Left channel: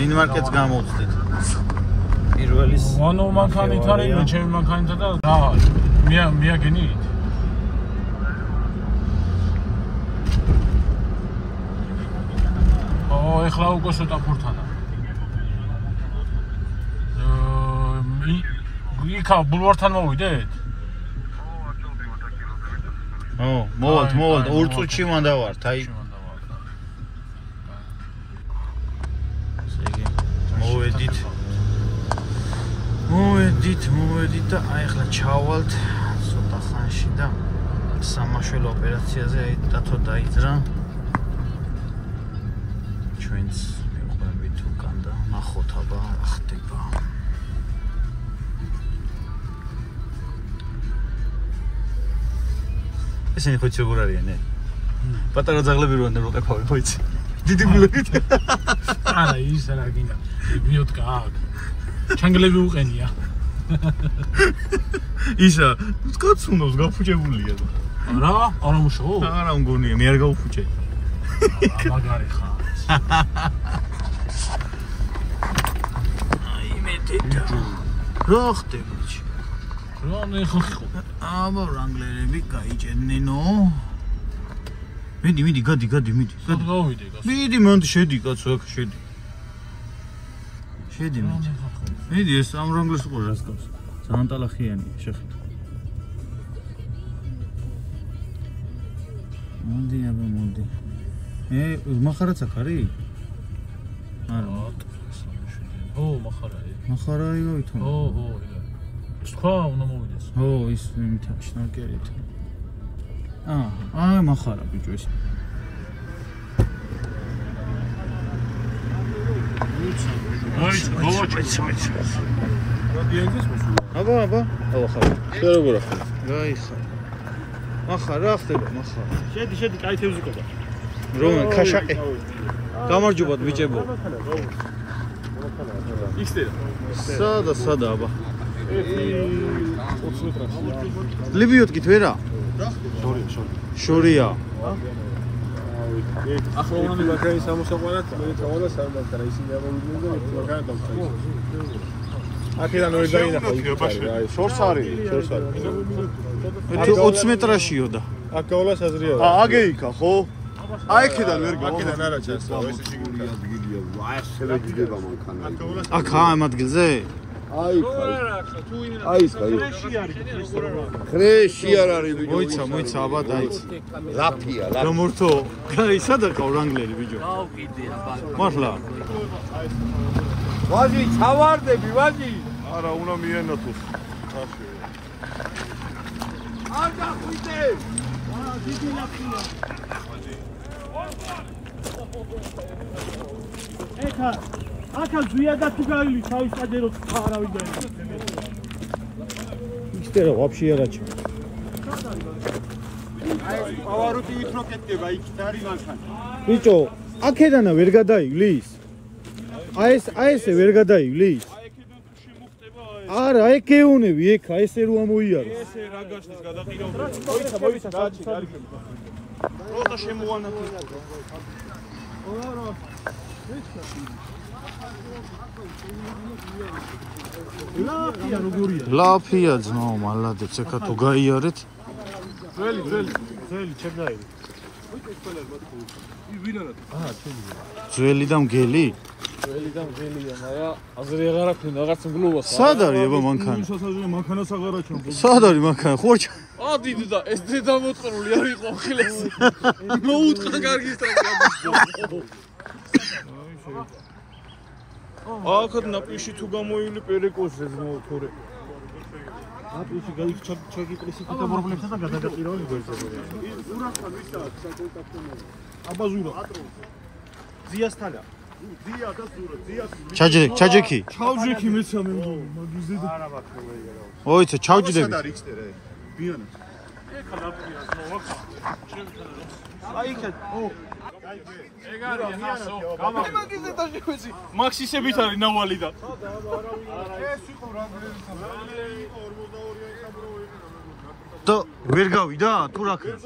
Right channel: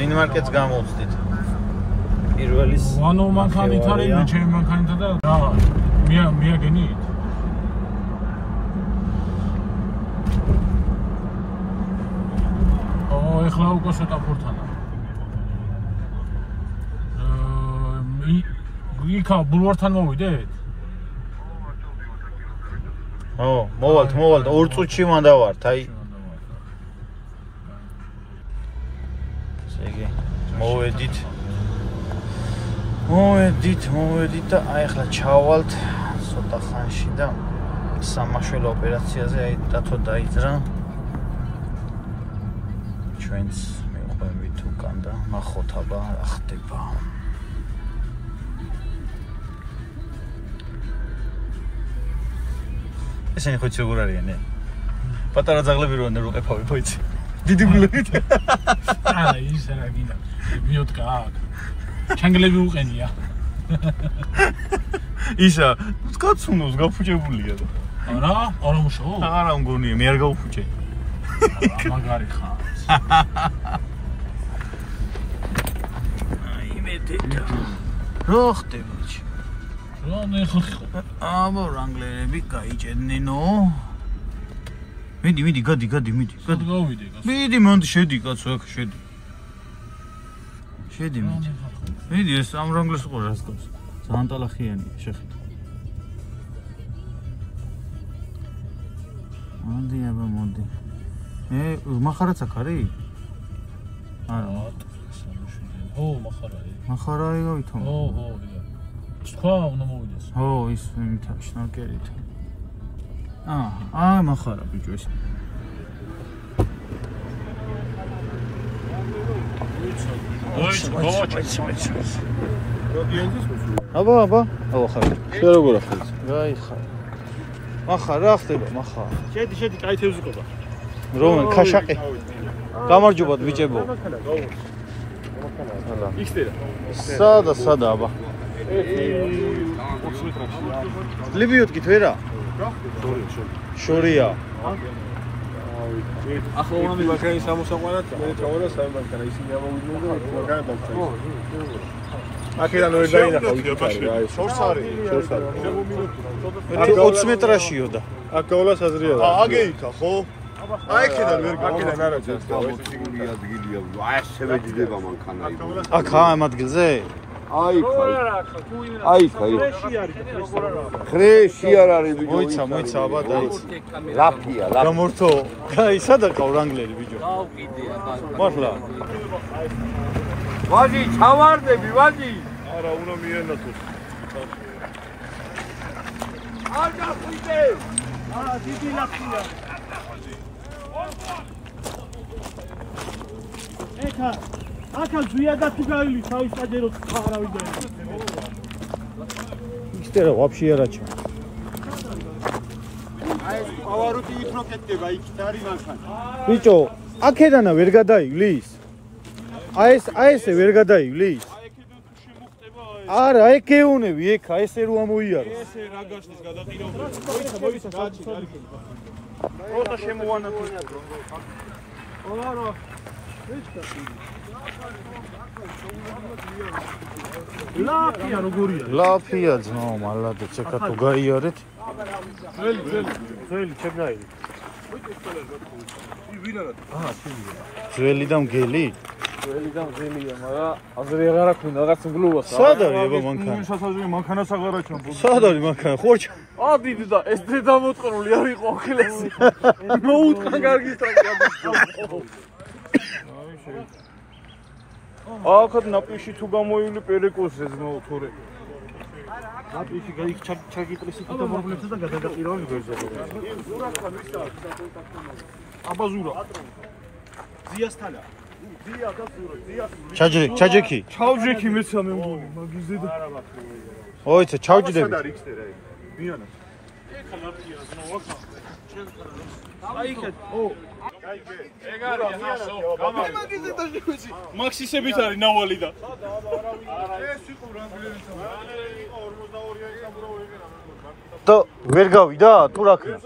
ვინ მარკეტს გამოვწდით. პირველის ანუ მანქანით არიან, ჩემი მანქანითა და მიაგენით. ეხლა უკვე სვეტაფორთან. იქა ბულვართან მოვიდეთ? მოვალთ 2 წუთში მანდა ვართ, აი. ესე იგი, მოვედით და აი ახლა ჩავალთ ცოტა ხანში და სამაშველო ოპერაციაზე აი დათო დაიძრა. ჩვენც მივყვებით უკან და ნახოთ აბა რა ხდება. ესენი ხო ციგურ არიანე? პატარა ძაღლები როან და როყეფავი ხო იცი? დიდი გულებით. არა ის რა გინდა. ბიოტკა აქ. ჩანგლები უყენია. ისა, კაცუნოს გაფუჭებულია და. არა მუშაო? არა მგონია, მე არ გავუფუჭე. მაგარი ხარ. აი მეტია. რა ხდება? რა ნახე ხო? აბა რანგლერები გაიჭედნენო. მიდი, გადი. მიდი, მანდ შედი კაცო, აქ შედი. შედი მიდი. მიდი ეს ამ რანგლერს ყურე რას გავს? ძალიან ტალახიანია, შეხედე. მოდი აბა მოდი. მახარაც აქ არის? არა. მახარაი გავითო. სხვა უნდა მოვიდეს. ის იმით შნაკერით. მახარა ბიჭო ეს. აბა. შეროგორა ხარ. გაიხარ. მახარა ხდება, მახარა. შედი, კაი თევზიკობა. რომენ ქაშაყი. გამარჯობათ ბიჭებო. ისტერა. სადა აბა. ლიბიოტკით ვერა? შორია. ახლა მაგარი სამოსაყვანად მე წავალ და სამანქანა ისინი ამოვიდნენ და მაგარი ბავშვი. აქედან ვერ დაინახავ. შორს არის. 20 მეტრაშიო და. აქ გავლა საზრია. აგეიქა ხო? აი აქედან ვერ აქედან არა ჯერ. გამოცული ადგილია. ასე ვეძდება მანქანა. აქ ამ ადგილზე? აი ფრეში არ არის ბიჭო. მოიცა აბა დაიცა. ლაფია. გამორთო. აი სადა ყავ რანგლერი ბიჭო. გავყიდე აბა. მართლა. ვაჟი, ჩავარდები, ვაჟი. არა, უნდა მიენოთოს. არ გახვიდე. დიდი ლაფია. ეხა აქა ზვიადა თუ გაილი თავის საჯეროთ არავინ და ისტერა ვაფშე არაჩა. აი პავაროტი იქნო კეთდება, იქ არის მანქანა. ბიჭო, აქედანა ვერ გადაივლის? აი ესე ვერ გადაივლის? არა, ეგ ეუნები, ეხა ესე რო ამოიარო. ესე რა გაშლის გადაყირავდა. მოიცა გაჩი კარგი. პროტა შემოვანა თუ. არა. ლაფია როგორია? ლაფია ძმო, მალადეც ეხა თუ გაიარეთ. ძველი ჩაგაილი. ძველი და მგელი? ძველი და მგელია, მაგრამ აზრი აღარ აქვს, რაღაც მგლუვას. სად არის აბა მანქანა? შესაძლოა მანქანას აღარ აჩვენო. სად არის მანქანა? ხოჭა. დიდი და ეს ძე დამოწყრული არ იყო ახილესი. მოუტყან კარგი სტრაფია. აქად ნაპიში თუ გამოივლი პერეკოსზე ზნო თორე. ნაპიში გაიქ ჩაგიპრესი და პრობლემსა და გადაგაყირავი გვერდზე. ურახა მისა. აბა ზურა. ზიასთანა. ზია და ზურა. ჩაჯექი. ჩავჯექი მეცამე მგონი მაგიზე და ოიცა ჩავჯდები. ბიანა. ეხა ლაფია ზნო აქ. აი იქეთ. ეგ არის ასო. გამაგიზე და შევეცი. მაქსისებით არის ნავალი და. ეს იყო რანგლერის. 42 ეკაბრო ვიყენა. და ვერ გავიდა თუ რა ქნა?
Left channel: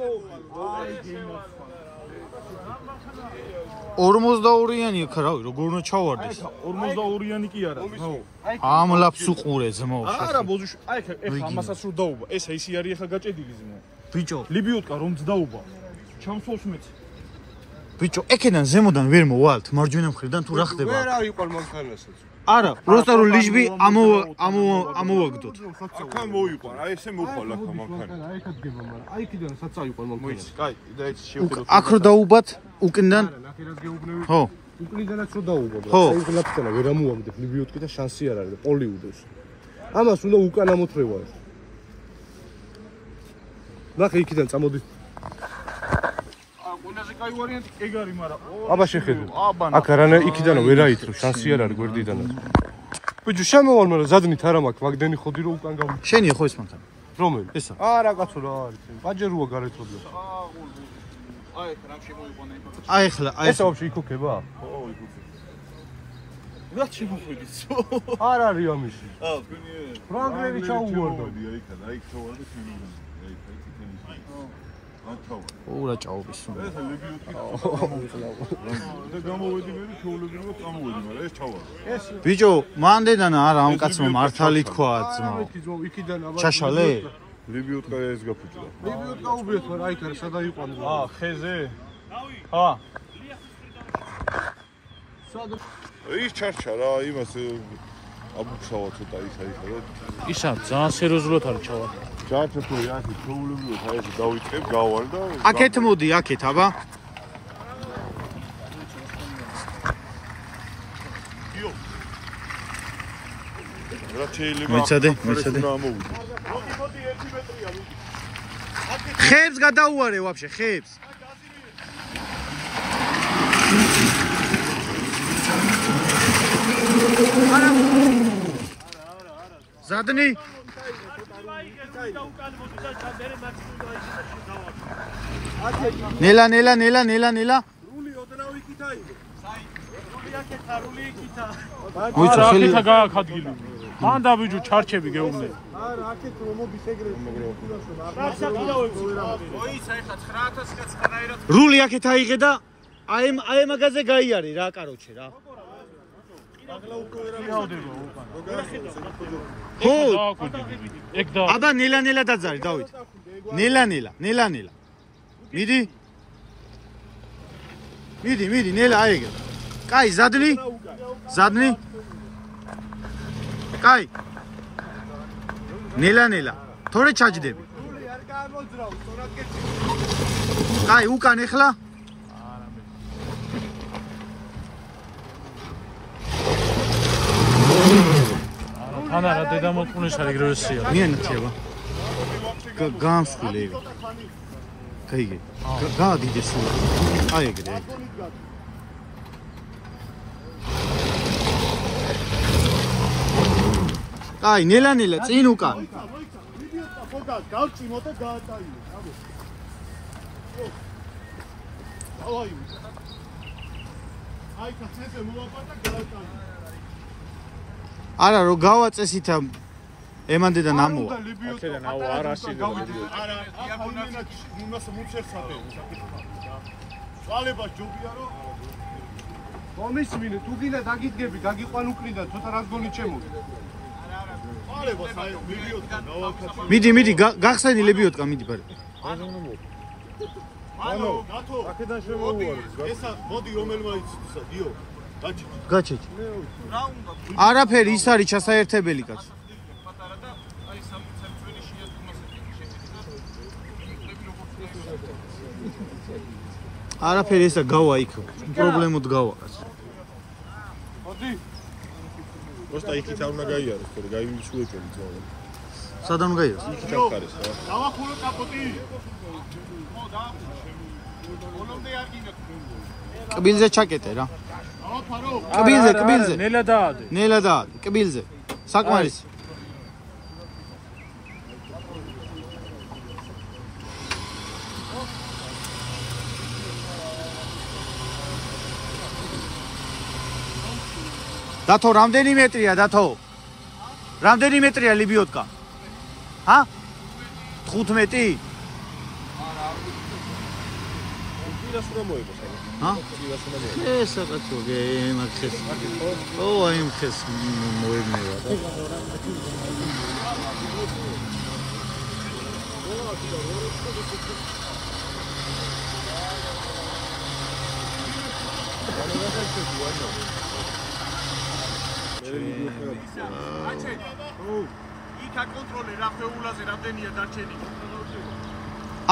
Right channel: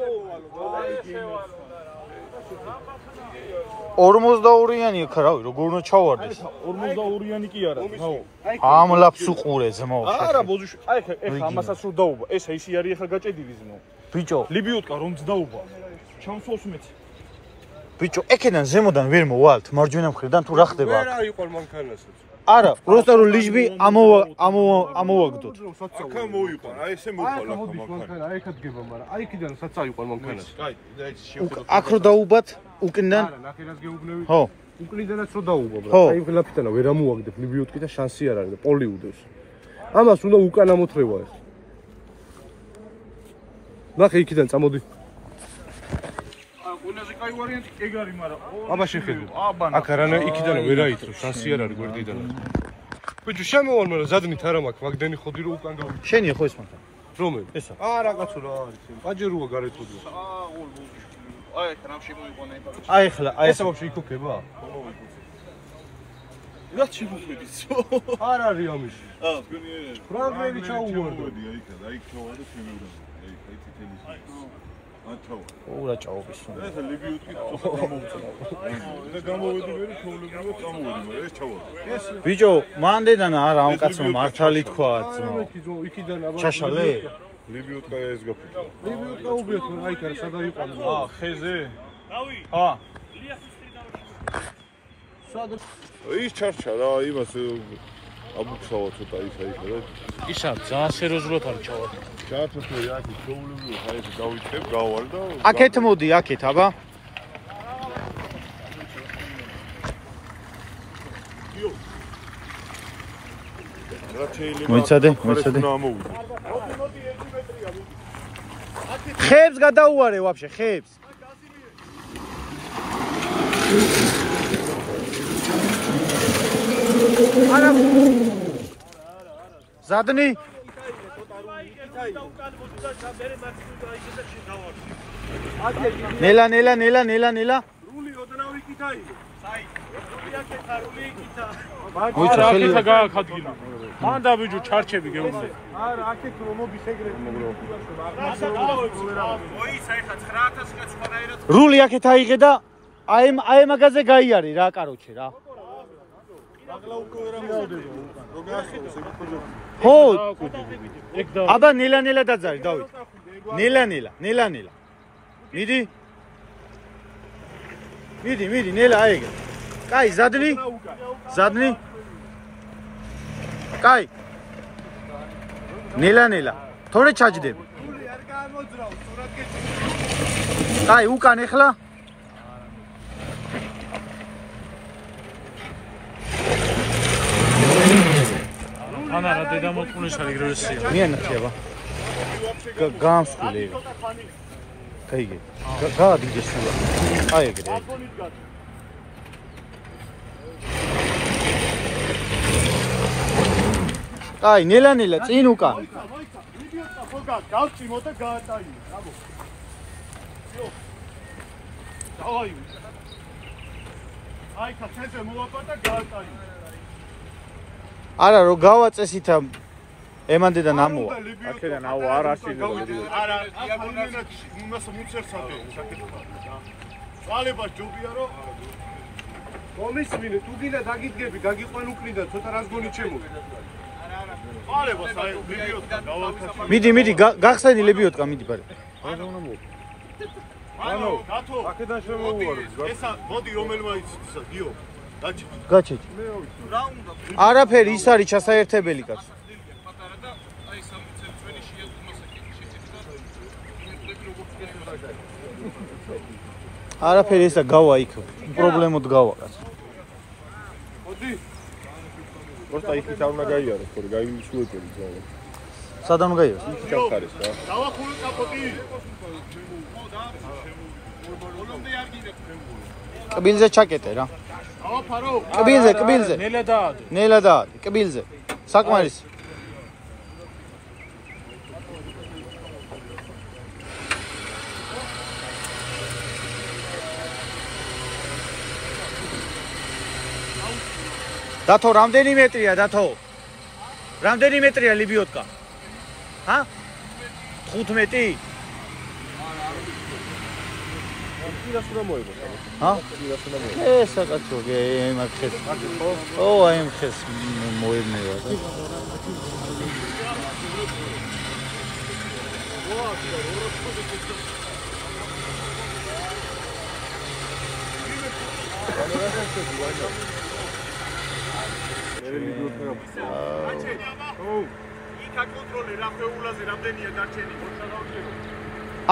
42-იანი ხა რავი როგორ უნდა ჩავარდეს 42-იანი კი არა ხო ამლაფს უყურე ძმო არა ბოზუში აი ეხა ამასაც რო დაუბა ეს ის არის ეხა გაჭედილი ძმო ბიჭო ლიბიოტკა რომ ძდაუბა ჩამსვავს მეც ბიჭო ეკედან ზემოდან ვერ მოვალთ მარჯვენა მხრიდან თუ რა ხდება რა იყო მანქანასაც არა просто რომ ლიჟბი ამოვაგდოთ აქ მოიყვა რა ესე მოყოლა მანქანა აი ხა დგება მაგრამ აი კიდე რა საცა იყო მანქანას კაი და ეს შევხედოთ აქ რო დაუბათ უკიდან არა ნახე რას გეუბნები ხო უკრიდანაც რო დაუბა აი გლაფტენა ვერ ამოვაგდებ ლიბიოტკი და შანსი არ არის და პოლი უდოს ამას უნდა უკან ამოთრევა ეს ნახე იქიდან წამოდი ყველაზე კაი ვარიანტი ეგ არის მაგრამ აბა შეხედე აქ არანა იქიდან ვერ აითრო შანსი არ არის გვერდიდან ბიჭო შემოვალ მაგრამ ზადნით არა მაქვს მაგდენი ხოდი რო უკან გამ შენია ხო ეს მანქანა რომელი ესა არა კაცო რა არის პაჯეროა გარეთოდია აი ხა რა შემოიყვანა აი ხლა აი ესა ვაფშე იქოქება რა შემოხედის არ არის ამისი თქვენი ფრანგლერი ჩაუვარდო აი ხა აი ჩაუვარდო თემურა აი ხა თითელი ურა ჭაობის უნდა ეს ლიბიუტკი და გამოვედი ვერი ჩაულებრივად წამოვედი ეს ჩავა ბიჭო მანდედან არა ამ კაცმა მართალი თქვა ძმო იქიდან აბა ჩაშალე ლიბიუტკა ეს გაფუჭდა ლიბიუტკა უბიეთ მაგრამ აი კარა სადა იყვანო ხეზე ჰა სადა ის ჩარჩა რა იმას აბუქსავა ცოტა ის აი ხა ისა ძალიან სერიოზულად არის ჩავა ჩაათო იახი ჩაულებრივად აი დავიწყებ გავალ და აქეთ მოდი აქეთ აბა რა შეიძლება მოიცადე ხებს გადაუარე ვაფშე ხებს არა ზადნი ნელა მოიცა ხელი გააკადგილო მანდა ბიჭო ჩარჩები გეუბნე არა აქეთ რომ მობისეგრე რული აქეთ აიღე და აი მაგაზე გაიარე რა კაროჩე რა ხო აბა ნელა დაძარი დავით ნელა მიდი ნელა აიღე კაი ზადნი კაი ნელა თორე ჩაჯდები კაი უკან ეხლა ანა რა დედამოწმულის არის გროსია მიანათი აბა გამსკული ეგ კაიგე გაადიდე სულ აი ეგრე აი ნელა წინ უკან გავწიმო და გაატაიო აი კაცზე მოვაპატა გაატაიო არა რო გავაწესითა ემანდედან ამოვა აქედან აუ არ ასიგო არა იმას მუცერცადე საკითხა წვალებას ჯობია რომ კომისმინე თუ გინდა დაგიდგები გაგიყვან უკრიდან ცოტა რას გონი ჩემო წვალებას აი ლიბიოტკა გავაკეთე მიდი გახსენი ლიბიოტკა მიდი ბარე ანუ გათო აქედან შემოვიარე ესა მოდი რომელმა იცის გიო გაჩეჭი არაფერი ის არის ჩასაერთებელი კაც არაფერი ესა გავა იქ პრობლემოდ გავა კაც მოდი просто იქით არ უნდა გაიაროს თორე გაიმუშუებელი ძავა სადან უნდა გაიაროს ჩახარის რა დავახურე კაპოტი ბოლომდე აგინებ კბილზე ჩაკეტე რა დავაფარო კბილზე ნელა დაადე კბილზე საკმარის დათო რამდენი მეტრია დათო რამდენი მეტრია ლიბიოტკა ჰა 15 რა უნდა მოიგოს ჰა? ეს აკაცო, გემ ხეს. ო, აი ამ ხეს მოებნევა და.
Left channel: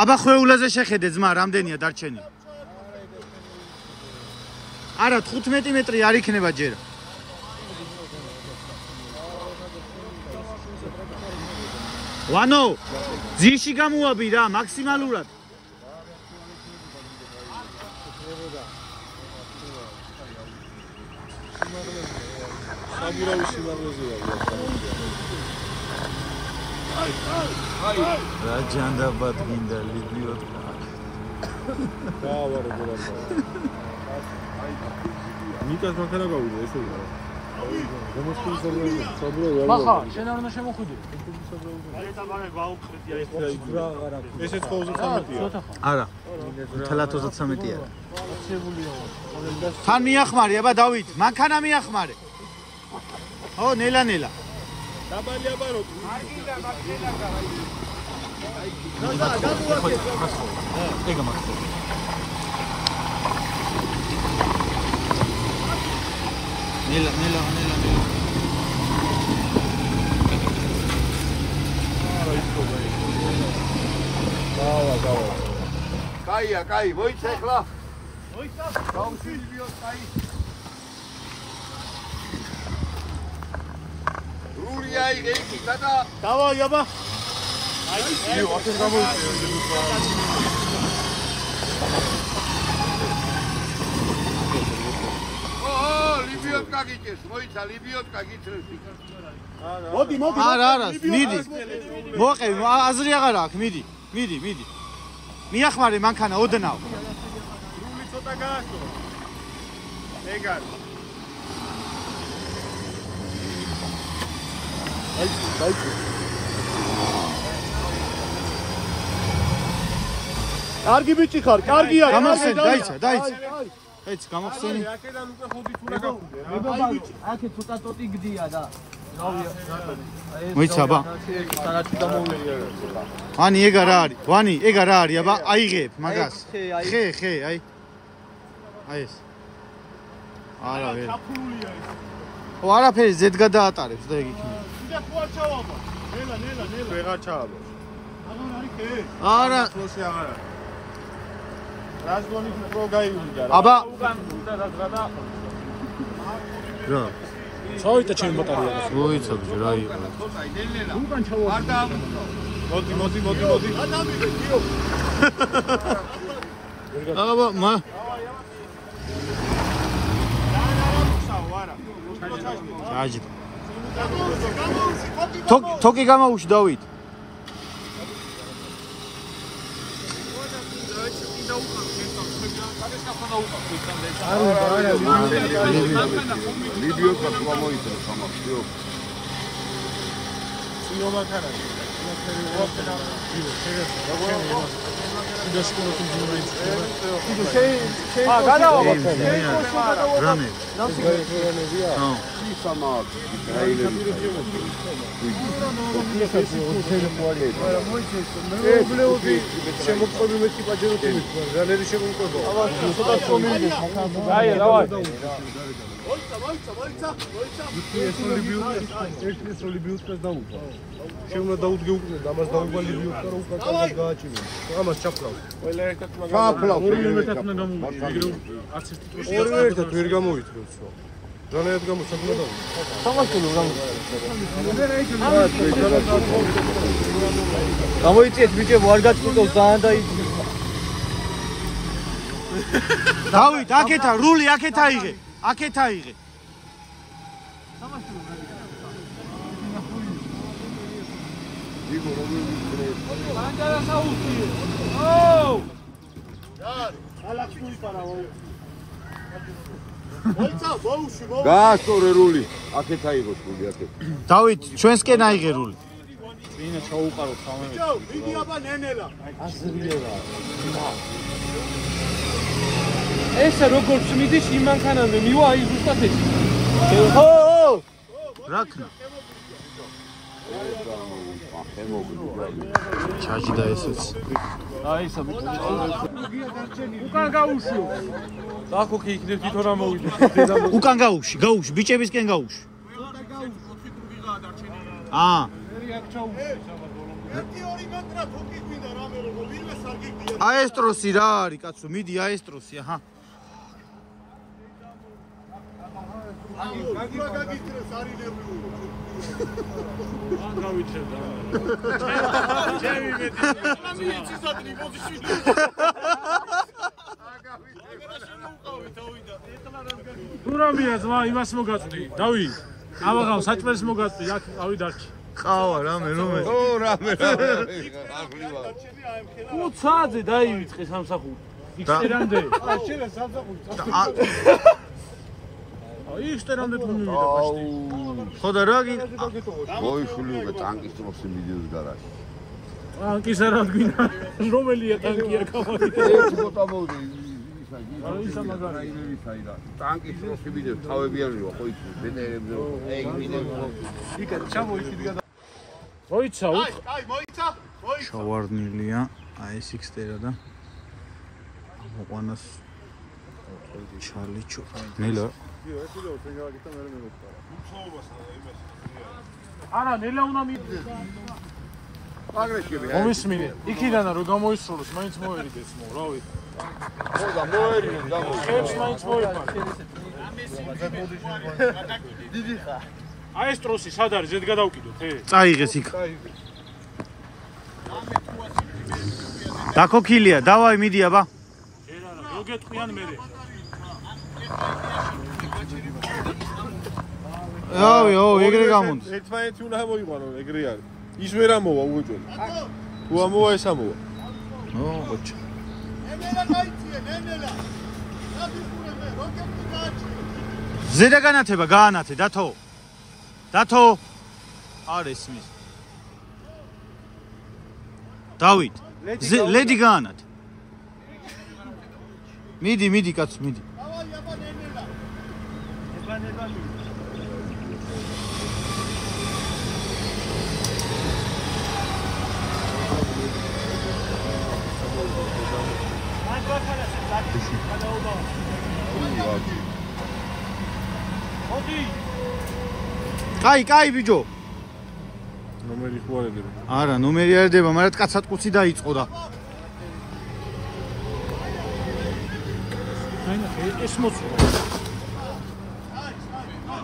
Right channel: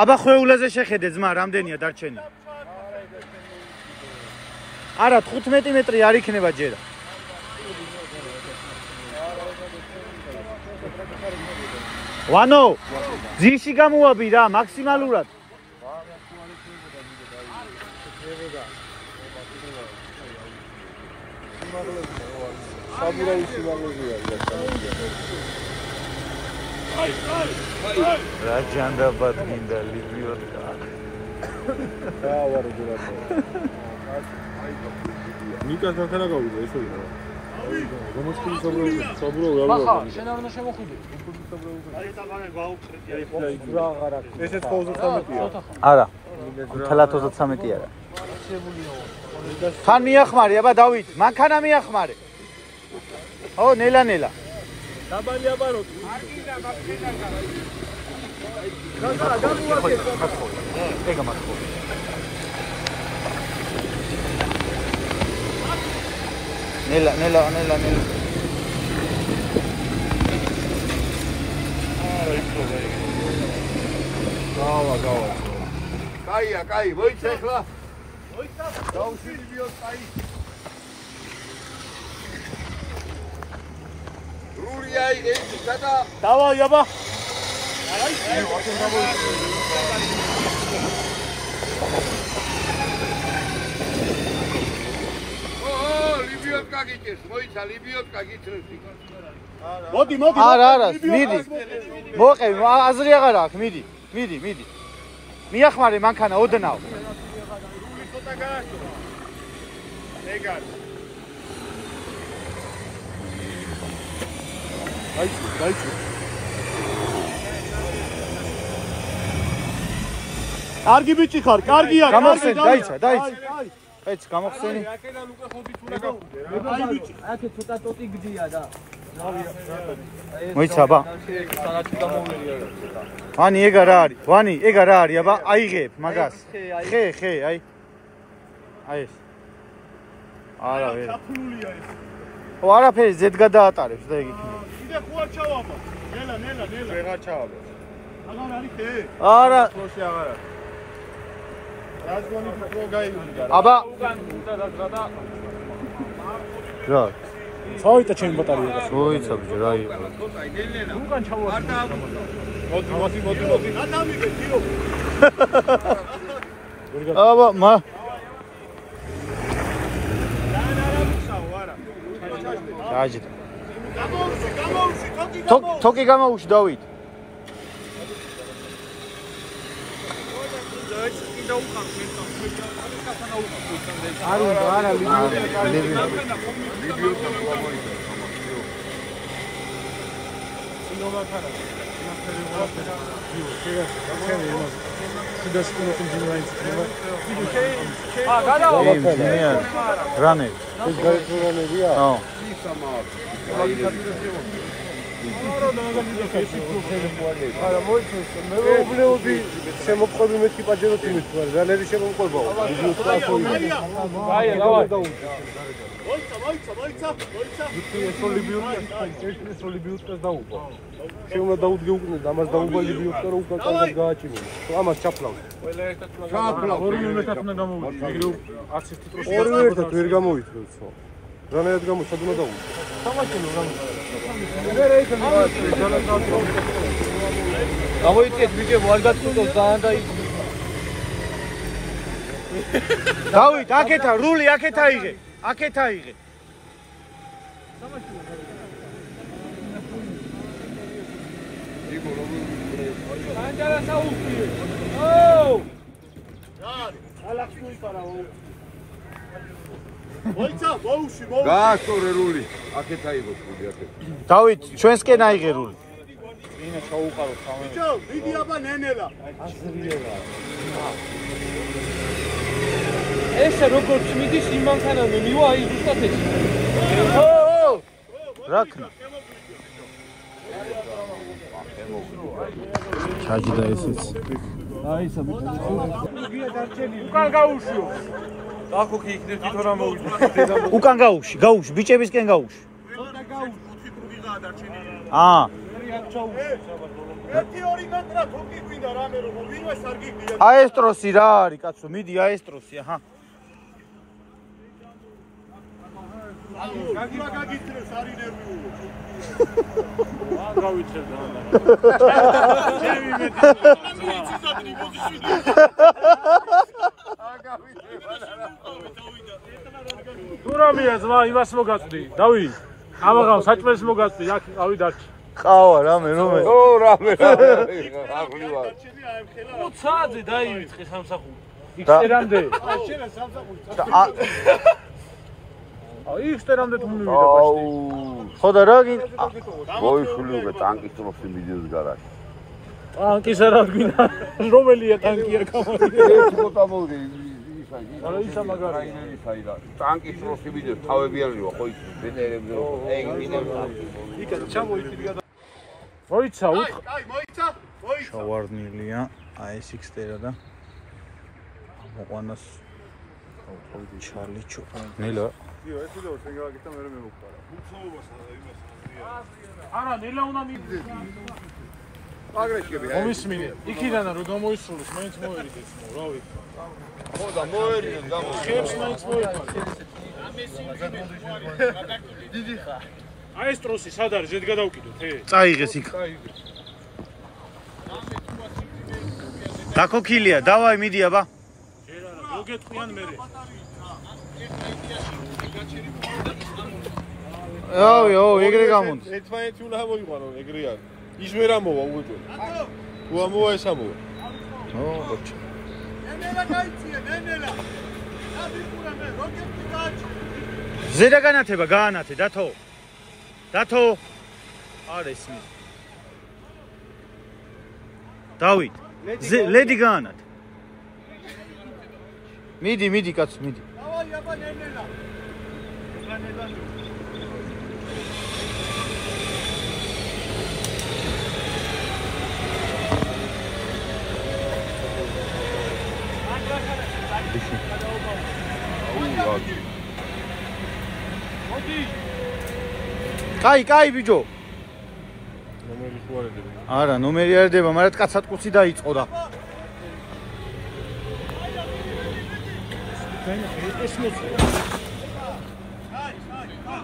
აბა ხვეულაზე შეხედე ძმა, რამდენია დარჩენი? არა, 15 მეტრი არ იქნება ჯერა. ვანო, ძიში გამოვაბი რა, მაქსიმალურად. რა ჯანდაბად გინდა ლიბიოტკა. მიკას ახლა გავიდა ესე რა. გამოსკული საბრო რა. ახლა შენ არ უნდა შემოხვიდე. ესეც ხოლმე 13-ია. არა. თელათ 33 არა. თან მიახმარი, აბა დავით, მანქანა მიახმარე. ო, ნელა. დაბალი აბარო. მათხოვი. ეგა მათხოვი. ნელა. გავა. კაი, მოიცა ახლა. გაუსვლიო, კაი. რულია იგეთი და დავაი აბა. ლიბიოტკა გიჭეს, მოიცა ლიბიოტკა გიჭრებს. მოდი. არა, მიდი. მოყევი, აზრი აღარ აქვს, მიდი. მიახმარე მანქანა ოდნავ. რული ცოტა გააშორა. ეგარ. აი. კარგი ბიჭი ხარ, კარგია. გამოხსენ, დაიცა. ეც გამოხსენი. აქედან უკვე ხოდი თუ რა გაგვიდე. აი ბიჭი, აქე ცოტა ტოტი გდია და. მოიცა აბა. ვანი ეგ არა არის, აბა აიღებ მაგას. ხე, აი. აი ეს. არა ვერ. ჩაფრულია ეს. ო, არაფერი ზედ გადაატარებს და ეგ იქნება. კიდე ხო არ ჩავაბა. ნელა. ვეღარ ჩააბა. აღარ არის ხე? არა. ფლოსი აღარ არის. რაზგონი რო გაიუნდა. აბა. რა. წავიდა ჩემი ბატარია. მოიცა ბიჭო, რა იყო. უკან ჩავაბა. მოდი. აბა, აჯდა. თოკი გამოუში დავით. ლიბიოტკა ყვა მოიწევს ამას. რამე. ო. შემოყვები მე ტიპაჯეროთი რანერი შემოყვება. შეუნა დაუდგე უკვე ამას დაუგვა ლიბიოტკა რო უკვე კარგად გააჩინე. ამას ჩაფლავ. ერთად ვერ გამოიწვევს. რანაირად გამოსადმა დაუდგე. სამასკენო გამოიწიეთ ბიჭო, არ გაწყვიტოს ძალიან და დავით, აქეთა რული, აქეთ აიღე. გაასწორე რული. აქეთ აიღო რული აქეთ. დავით, ჩვენსკენ აიღე რული. ინა ჩაუყარო სამე. მიდი აბა ნენელა. აზრიელა. ესე როგორც მიდის იმანქანაზე მივა აი ზუსტად ეს. ო რაკნა ჩაჯდა ესეც აი ეს უკან გაუშვი. დახო კი იქნებ თვითონ რა მოვიდა. უკან გაუში ბიჭებისკენ გაუში აა ერთი ორი მეტრა თუკი გვინდა რამე რომ ვინმე სარგიგდია. აესტროსი რა არის კაცო მიდი აესტროსი აჰა გაგიმა გაგიტრეს არის ნერვიულო. გურამია ზმა იმას მოგაწვდი. დავი. ამაღამ საჭმელს მოგაწვდი. აქ ავი დარჩი. ყავა რამე რომე ო რამე. უცაძე დაივიწყე სამსახური. იქერამდე. აი იქერამდე თუ მივიდა ბაშტი. ხოდა რა გინ მოიშული უკვე ტანკის ტროსი მიდიოს გარაჟში. ტანკის არა გვინდა. რომელია ტანკია გამოდიო. ეს ხოთა მოდი. არა ისა მაგარი. ტანკის ტროსი მიდიოს თავებიანია ხო ის ვენერებზე. ეგ მინდა. იქა ჩამოიჭიდი გადა. მოიცა უთხ. აი მოიცა. შავარდნილია ASX-ტერა და მოყვანას ჩარლიჩო ნელა არა ნელა უნდა მიდე. აგრესივი. მომისმინე. იქიდან რომ გამოისრულოს მაინც მოერიდეს მო, რა ვიცი. ხოდა მოერინე და ხებს მაინც მოიფარე. დიდი ხა. აი ეს ტროსი სად არის? ზედ გადავკიდოთ, წაიღეს იქ დაკოქილია დავაი მიდი აბა ჯერ არა, გოგეთყვიან მერე. ო ეგრე გამოდის ერთმანეთი უნდა მოიყვანო ეგრე არის. ის ვერ ამოვა უჯო. თუ ამოვა ეს ამოვა. ო ხოჭ ზედა განათება გაანათე დათო არის მის დავით ლედი გაანათე მიდი კაც მიდი კაი ბიჭო ნომერი ხო არ ედება. არა ნომერი არ ედება მაგრამ კაცატკუცი დაიწყო და ეს მოწვა.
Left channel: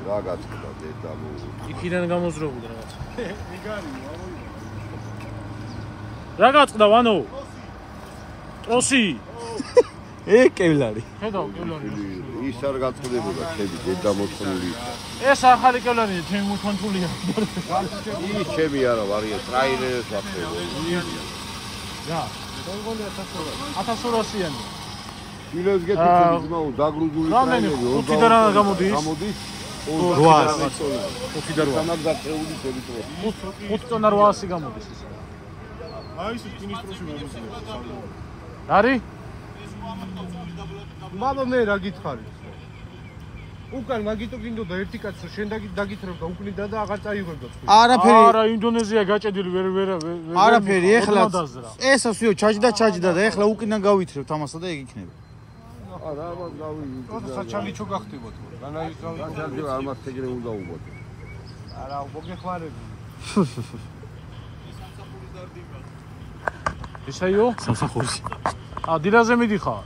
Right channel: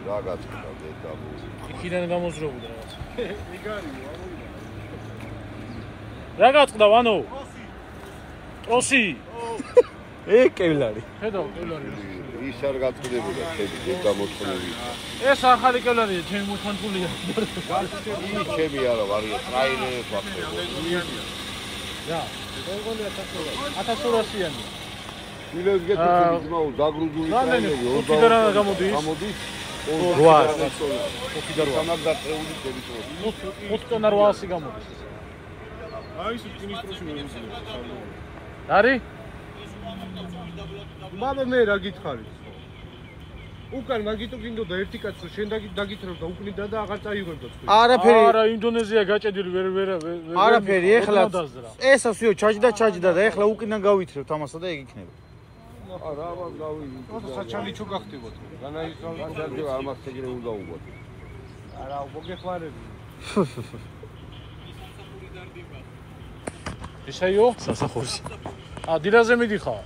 რა გაწყდა და იქიდან გამოზროვდა რაღაც. რა გაწყდა ვანო? ტროსი. კევლარი ხედავ კევლარი. ის არ გაწყდებოდა შედი გამოწნილი. ეს ახალი კევლარია, ჩემი კონტროლია. ის ჩემი არა ვარია ტრაილერს ვახდებო. რა. 1200-იანი. მილოს გეთქვით ნუ დაგრუზული რამდენი? 5 და რა გამოდის? გამოდის 800 5 და 800 გაწეული შეგვიწრო. 5 ტონა 800 გამოდის. აი ეს ფინისტროსი მოვიზინა. არის? მამა მე რა გითხარი? უკან მაგიტო გინდოდა ერთი კაცო შენ დაგითხრობდა უკნიდა და აღარ წაიღებდა თქვი. არაფერი არა ინდონეზია გაჭედილი ვერ არაფერი ეხლა ესასიო ჩაჯდა და ეხლა უკიდან გავითრევთ ამასა და ეგ იქნება არა ამას გავიგე. ოღონდ საჩალიჩო გახდებათ. განაიცავი არ მასტეგრე უნდა უგოთ. არა მოგეხმარები. ისაიო? სასახურში დილაზე მიდიხარ?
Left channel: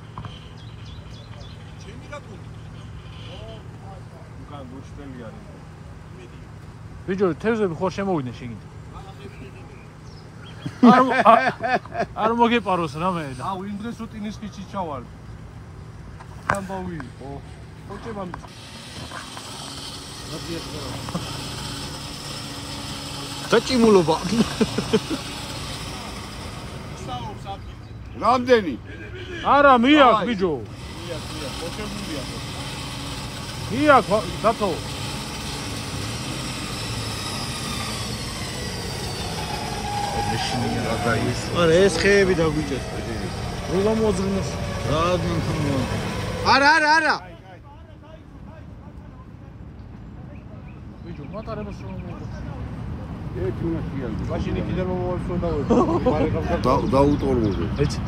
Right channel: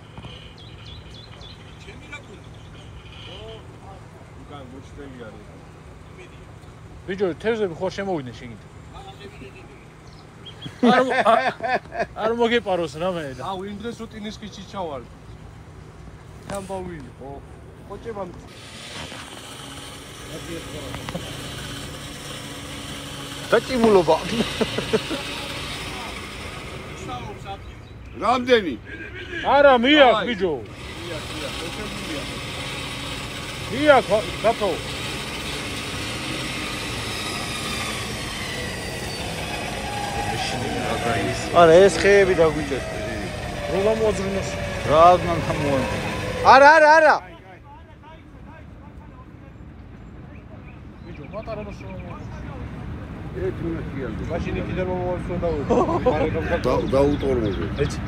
უკან გუჩდელი არის. ბიჭო, თევზები ხო შემოვიდნენ შეგიძლია. არ მოგეპაროს რამე და. აუ იმ დღეს უტინის ხიჩი ჩავარ. ამბავი. ოჭებამ. დაჭიმულობა რამდენი? არა, მიაქ ბიჭო. მიაქ დათო. არა ეს ხეები დაგვიჭერ რო გამოძრუნოს. რა უნდა მოვა არა. ბიჭო, მატარებას ერთი მინუტია. მაშინ იქიდან მომავსო დაუტორმოზე. ეცი.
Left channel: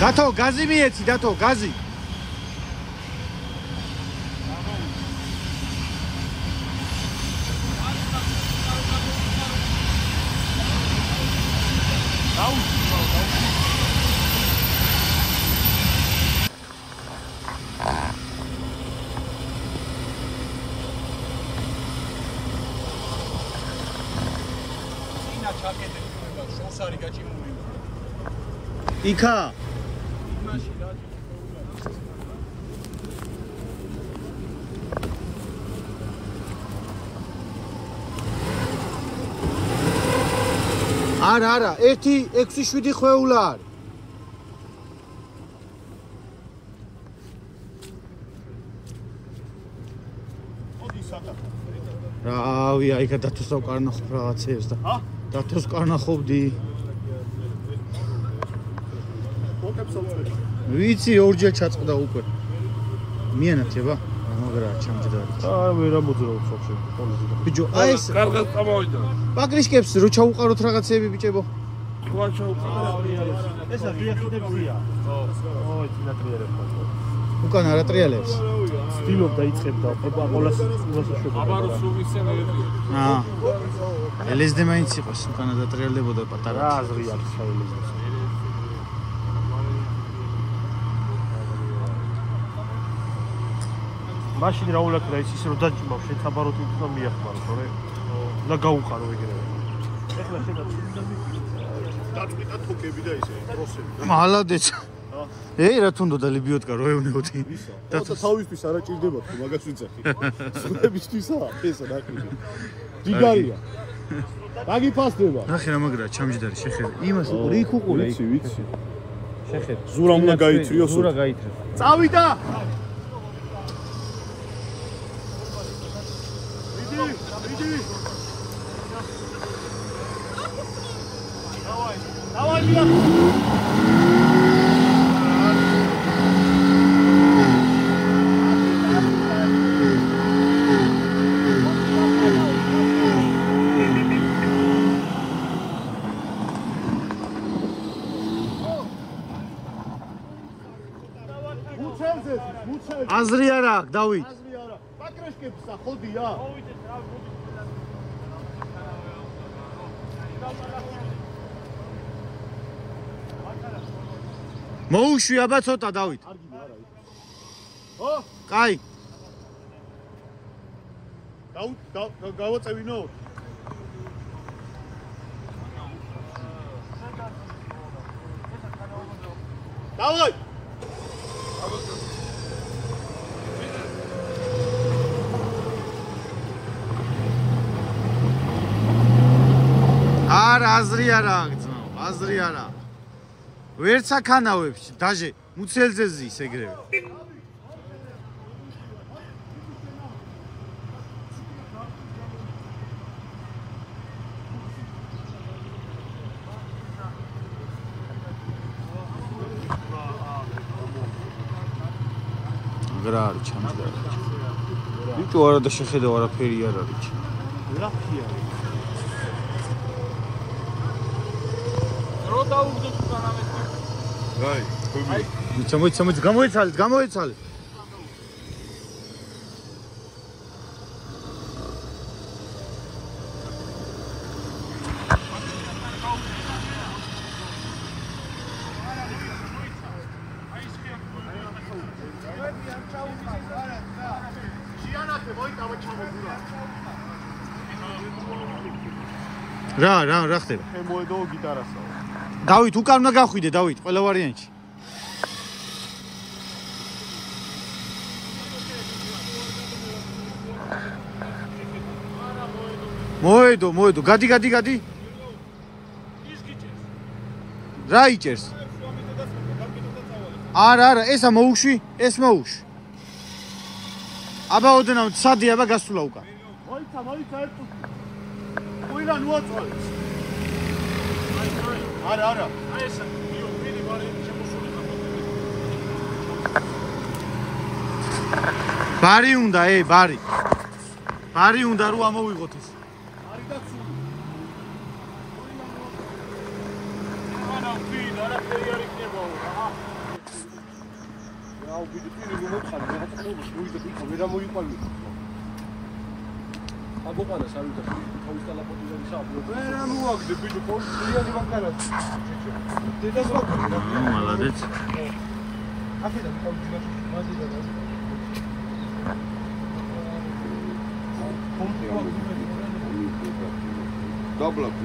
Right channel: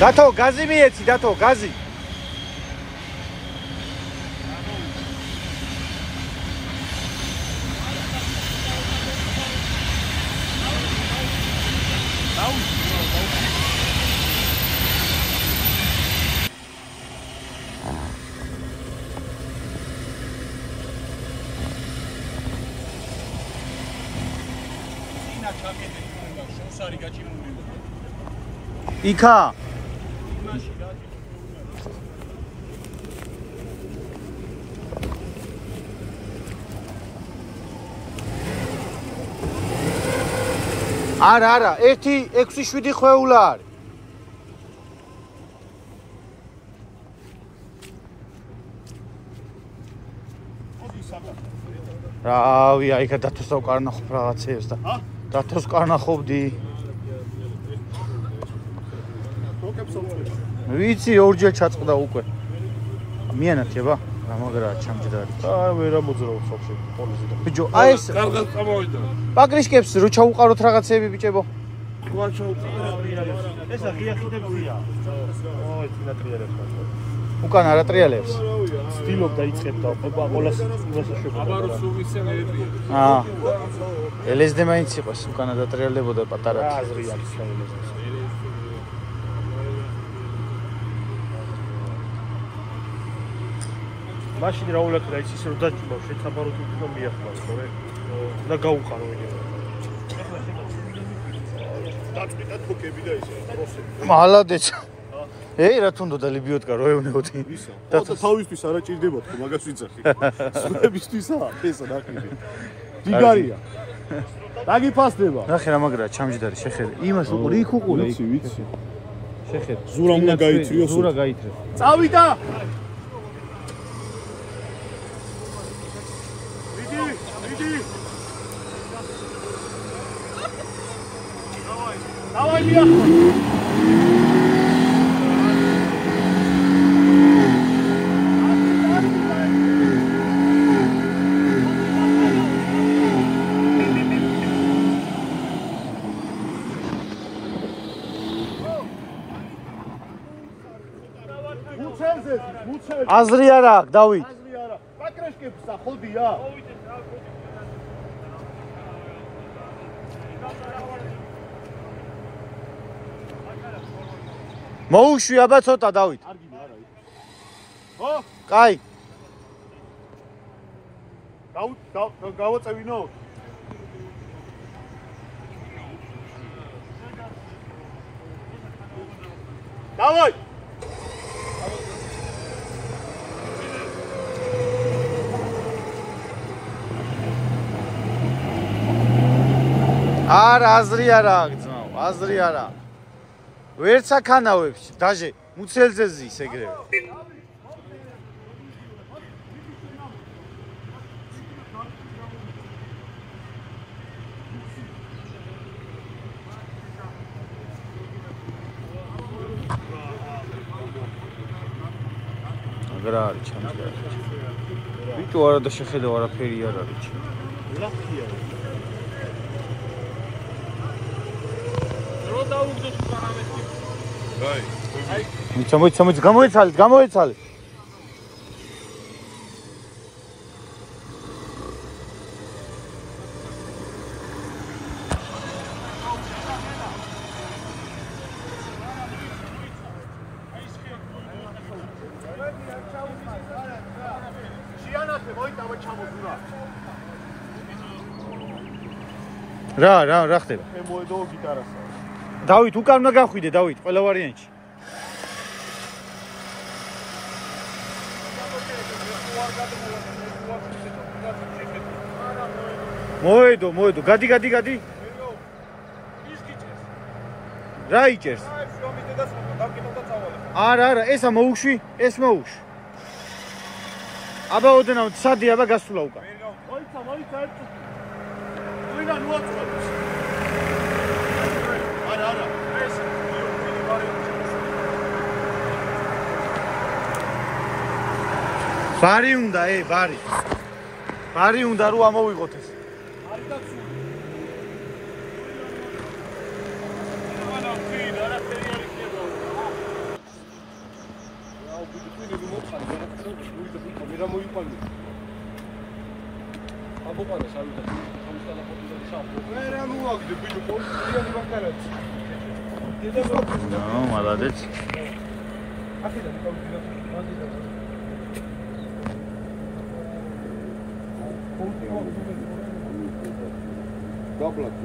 დათო, გაზი მიეცი, დათო, გაზი. იქა არა 1-6-7 ხვეულა არის რავი აიქა დათოს ვკარნახობ რაღაცეებს და დათოს ვკარნახობდი ვიცი ორჯერ ჩაწყდა უკვე მიანათება გამოგრა ჩამჯდარი ვერა მოძრაობს სახში ბიჭო აი ეს კარგად წამოვიდა პაკრიშკებს რო ჩაუყაროთ რაღაცეები ბიჭებო თქვა ჩაუყარა ესა ღიახიდებია უკან არა ტრიალებს სტილობ დაიწყებდა ება ყოველას შვება აბაროს უმისე მეეტრია ელესდე მაინც იყოს უკანა დატრიალებოდა პატარად აზრი აქვს საერთოდ მაშინ რა ულაკრა ის რომ დაჭიმავ შეცაბაროთ უფრო მიახმარ ხო და გაუყარო ეგრევე დაწვიტა თუკები და ისე პროსები მალადეც რა თუნდოდა ლიბიოტკა რო ევნებოდი და თავისთვის არა ჭირდებათ ხო მაგას ვიცახი სულებისთვისა ესა ნაკლები ჯიგარია დაგიფასდება ნახე რა მაგრა ჩამჯდარი შეხედე იმას უყური იქ უყური ვიცი შეხედე ზურა უნდა გაითრიოს ზურა გაითრე წავიდა აზრი არა აქვს დავით პატრაშკებსა ხოდია მოუშვი აბა ცოტა დავით ხო კაი გავაწევინო დავай არა აზრი არა აქვს ძმაო აზრი არა ვერც აქანავებს დაჟე მუცელზე ზის ეგრევე აგრა არის ჩამჯდარი ბიჭო არა და შეხედე არაფერი არ არის ულაფია რაი მოიცა გამოიცალეთ რა ხდება მოედო გიტარასა დავით უკან უნდა გახვიდე დავით ყველა ვარიანტში მოედო გადი რა იჭერს არა ესა მოუშვი ეს მოუშვი აბა ოდნავ სადი აბა გასულა უკან მოიცა მოიცა ერთი. ვინა მოაწყობს. არა. ეს ვინი ბარემ ბარი უნდა, ბარი. ბარი უნდა რომ ამოვიღოთ ეს. Молодец.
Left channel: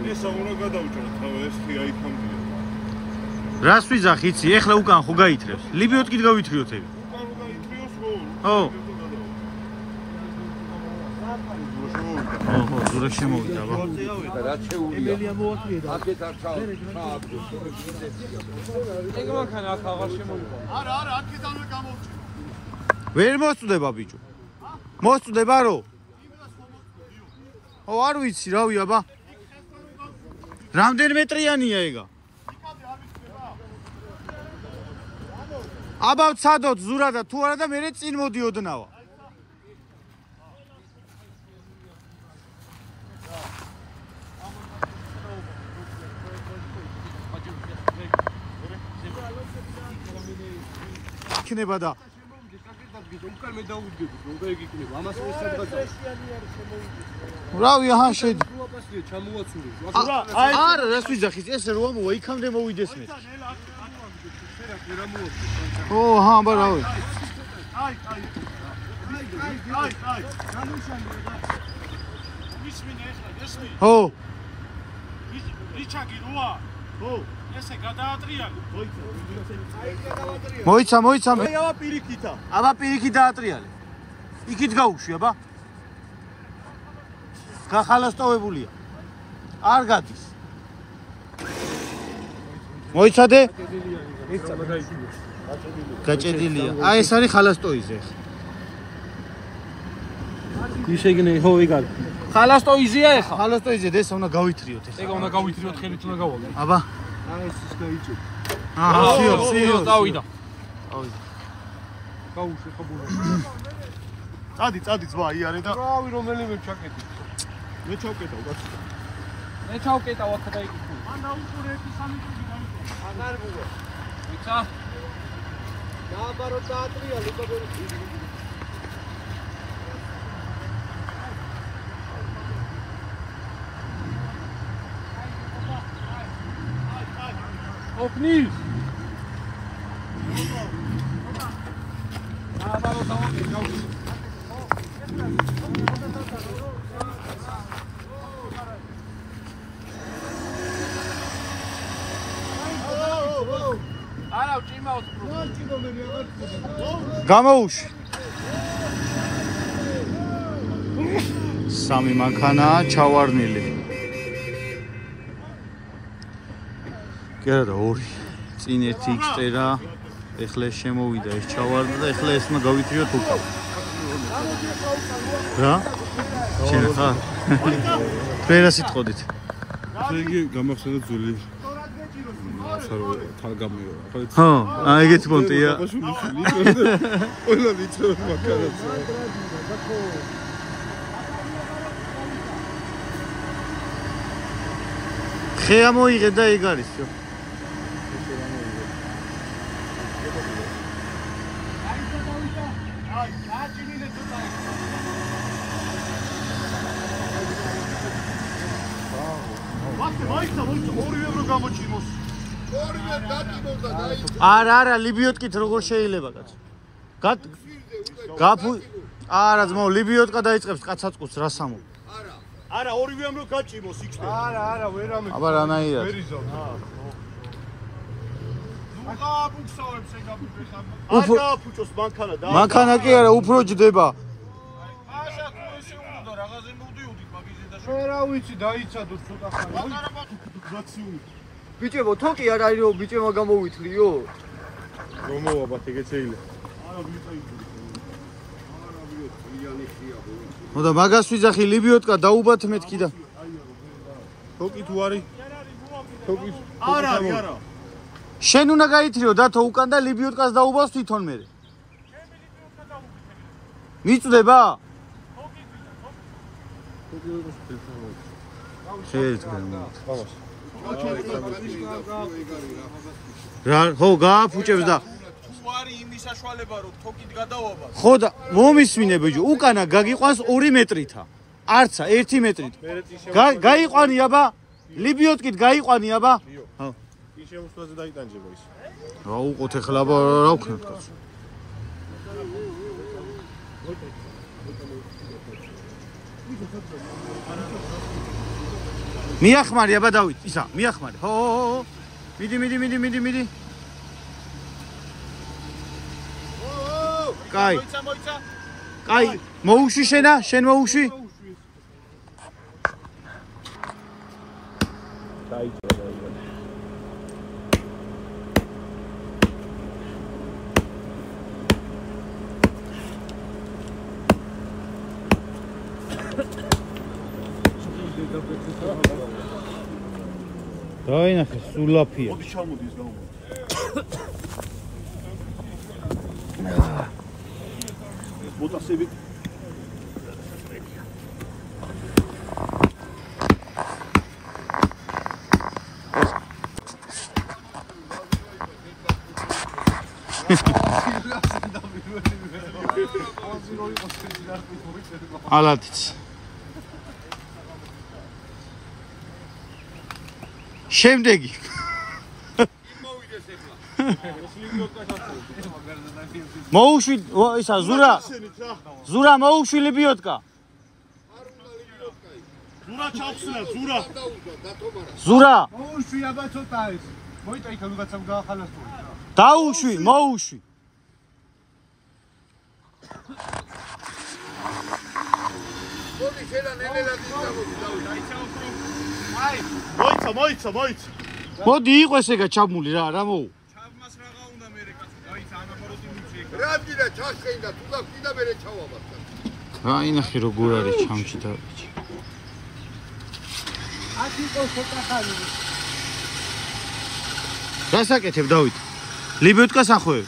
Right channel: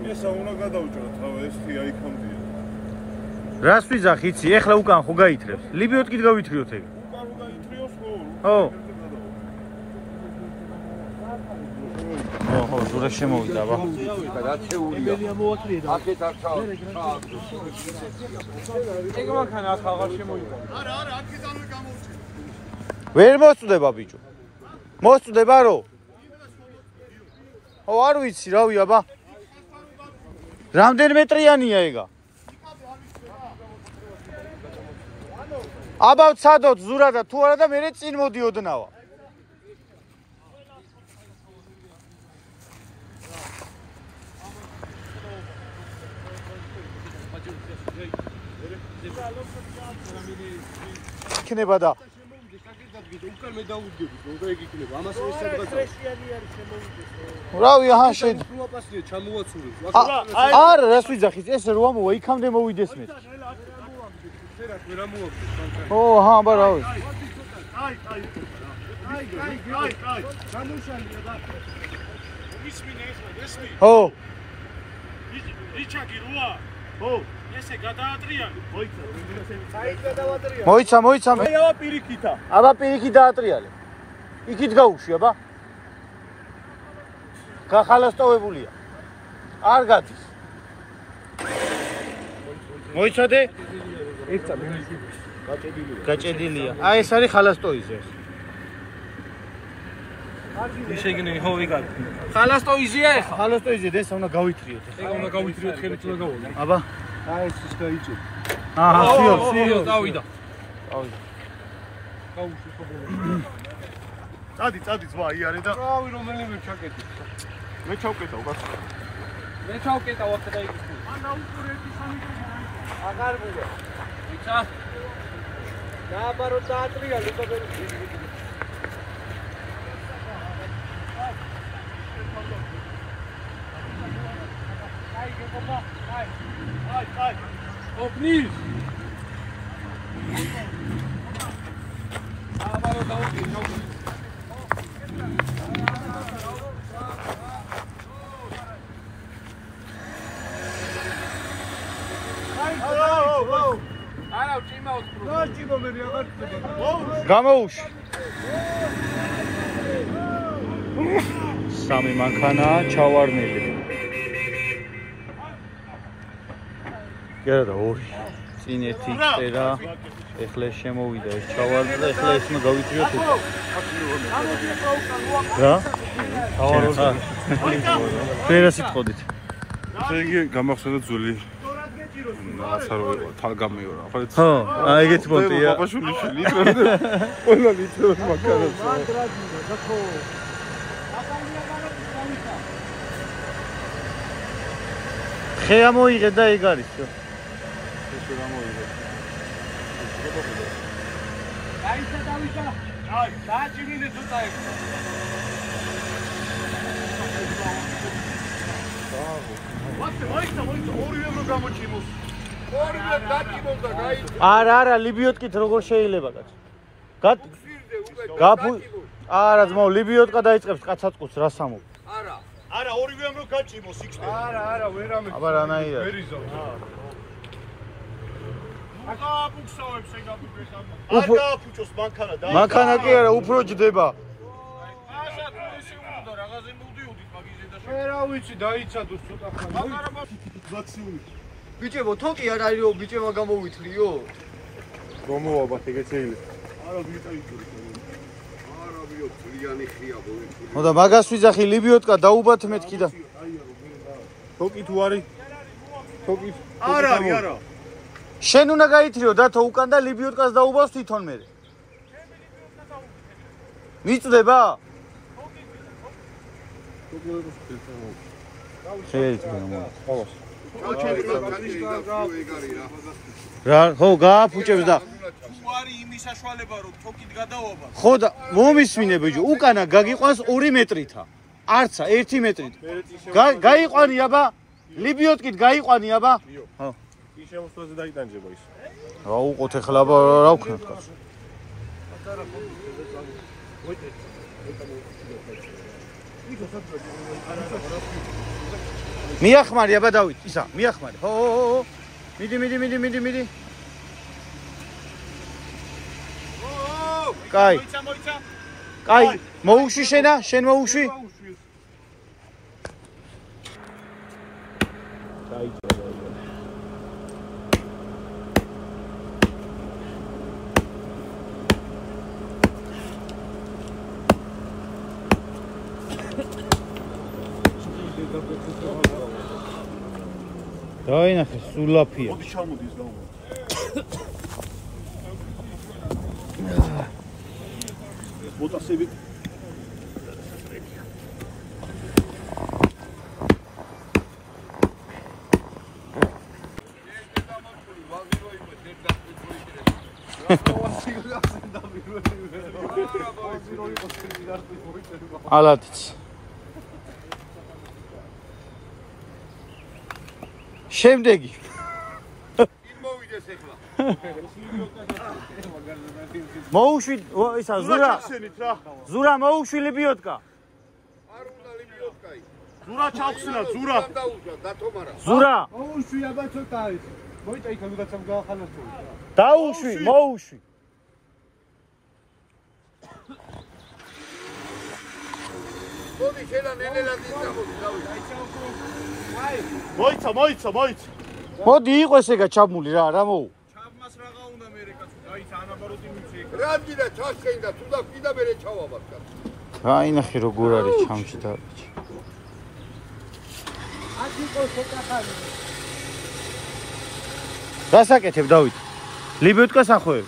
ესა უნდა გადავჭრათ, თავი ეს თი აიქამდია. რას ვიძახ იცი? ეხლა უკან ხო გაითრევს. ლიბიოთ კიდე გავითრიოთ ეგ. უკან უნდა ითრიოს ხო? ხო. ხო, ზურა შემოვიდა, აბა. ემელია მოაკლია და აქეთ არ ჩავა. ეგ მანქანა აქ აღარ შემოივა. არა, აქედანვე გამოვჭი. ვერ მოსწდება ბიჭო. მოსწდება რო? ო არ ვიცი, რავი, აბა. რამდენი მეტრიანია ეგა? აბა ვცადოთ ზურა და თუ არა და მე წინ მოდიოდნავა. იქნება და უკან მე დაუდგები, რომ და ეგ იქნება. ამას ეს სადღაცაა. რავი, აჰა შედი. უაპასია ჩამოვაცურე. არა, რას ვიძახის? ეს რო ამოვა იქამდე მოვიდეს მე. შერაც ვერ ამოვაგდეს მანქანა. ო, აჰა, აბა რავი. აი. გამიშალია და მისმინე ახლა, გესმი? ხო. რიჩაგი როა? ხო. ესე გადაატრიალე. მოიცა. მოიცა. აი აბა პირიქითა. აბა პირიქით დაატრიალე. იქით გაუშვი, აბა. გახალასტოვებულია. არ გადის. მოიცადე? გაჭედილია. აი ეს არის ხალასტოიზე. ისეგნე ხო იგარ. ხალასტოიზია ახლა. ხალასტოიზე და ეს უნდა გავითრიოთ ახლა. ეგ უნდა გავითრიოთ ხელით უნდა გავაგდო. აბა. აი ეს გაიჭი. აჰა, სიო. დავიდა. გავიდა. გაუშვი ხობულა. წადი ძმა იარე და რავი რომელიმე ჩაკეტი. მე ჩავკეტავ ბას. მე ჩავკეტავ აქ და იქ. ანა უყურეთი სამი კრები დაიწყო. აღარ გიგო. იცა? გააბარო დაატრიალე და ვერ აი. ოფნის. აბარო დაუდგე. გამოუშვი. სამი მანქანაა ჩავარნილი. კი არა, ორი. წინ ერთი იქწერა. ეხლა შემოვიდა ეს ჩავარდა და ეხლა ესმა გავითრიოთ უკან. რა? შენ ხარ? ფერა სიტყოდით. იგი გამახსენდა ძველი ასარო თან გამიორა. ხო, აი ეგეთი პონტია. ბაბაშვილი ყველა ლიტროს მანქანას. ხე ამოიღე და ეგ არის, შო. აიცა დავიდა. აი, დააჭირინე ცოტა ეგ. მოიცა, ორივე გამოჩიმოს. ორივე დაკიმოს და გაიცა. არა, ლიბიოტკით როგორ შეიძლება კაც? გაფუ არა, ძმაო, ლიბიოტკა დაიწყებს კაცაცკუს რა სამო. არა, ორივე ამ რო გაჭიმოს იქ. არა, ვერ ამე. აბა რანაირად? ვერიზავ. აბუქსავებს ეგ აბუქეს ამ. უფრო გააფუჭოს მანქანა და. მანქანა კი არა, უფრო ჯდება. რაღაცე მოდიოდით მაგიზე და რა ვიცი, დაიცადო ცოტა ხანი. გაციული. ბიჭებო, თოკი არ არის რომ ბიჭებმა გამოვითრიო? რომოაბათ ეგეც ეი. არა ვიწაიწოდი. არა ვიოცი. და მაგას ვიძახი ლიბიოტკა დაუბათ მეთქი და თოკი თუ არის? თოკი არ არის, არა. შენ უნდა გაითრიო დათო უკან და ლიბიოტკას დაუბავს თვითონ მე. მიწდება? რა, ხო, გააფუჭებს და არის იმის საშუალება რომ თოკით გადავაბა. ხო და მომისმინე ბიჭო, უკანა გაგიყვანს 2 მეტრითა. არცა 1 მეტრით. გაიყვანი აბა, ლიბიოტკით გაიყვანი აბა. ხო. ის შემოსვლაზე დაიტანჯება ის. რა უყოთ ახლა აბა რა ვქნათ კაცო. მიახმარი აბა დავით, ისა, მიახმარი. ხო. მიდი. კაი. მოიცა. კაი, მოუში შენა, შენ მოუში. დაინახე, სულაფია. მოდი ჩამოდის გაუმო. მოტასები ალათიც შემდეგი მოვიდეს ეხლა. მოუშვი ისა ზურა მოუშვი ლიბიოტკა ზურა ჩავხსნა, ზურა. ზურა მოუშვი აბა ცოტა არის მოიტა იქ როდესაც გაახალასწორი რა დაუშვი მოუშვი მოიცა. მოდი იყოს ეგა ჩამული რა მოუ ჩავმას რაღა უნდა მერე კაცო, დაიცა ანაბაროდი მიცი. რამდინა ჩაშენდა, თუ და კიდე მერე ჩავაბათ. აინახე როგორ არის ჩამში და ბიჭი გასაკეთებ დავით ლიბიოტკას ახვევ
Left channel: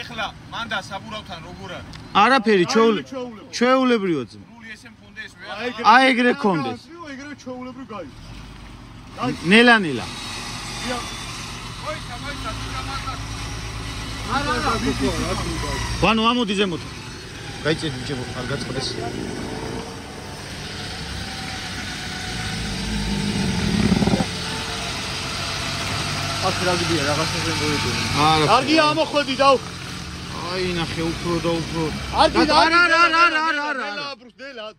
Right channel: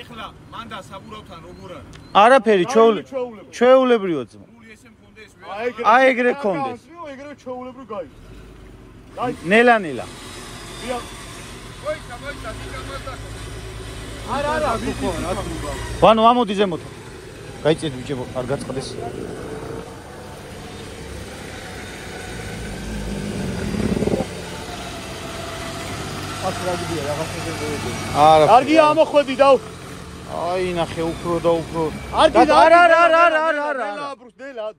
ეხლა მანდა საბურავთან როგორ არის? არაფერი ჩვეულებრივია ძმა სრული ესე მქონდეს ვერ. აი ეგრე გქონდეს ეგრე ჩეულებრივ გაი. ნელა მოიცა, არა, ვანო ამოდი ზემოთ გაიწედი ბიჭებო არ გაწყდეს არა კარგია ამოხვედი და აი ნახე უფრო და უფრო არა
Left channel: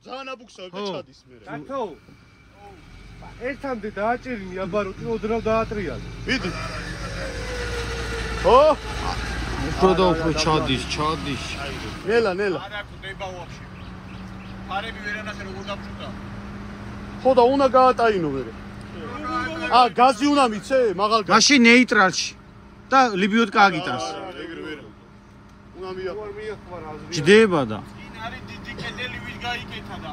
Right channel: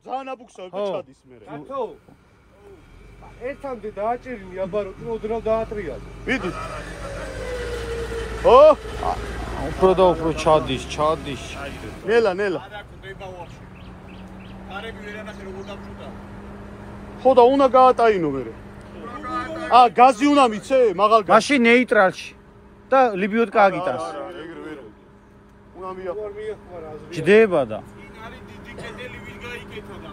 ძალიან აბუქსავი ჩადის მე. დათო ერთამდე დააჭირინი აბა რო ოდნავ დაატრიალ ვიდი. ო, უფრო და უფრო ჩადის ნელა. არა გვდება ვახში. ფარები ვერანახე როგორ დამჭუდა. ხო და უნდა გაატაინო მე. გაზი უნდა მიცე, მაღალ გაზი. მაშინ ნეიტრალში და ლიბიოტკა აგიტანს უნდა მია. ჯდება და წინ არის დიდი კედელი ვინ გაიკეთა და.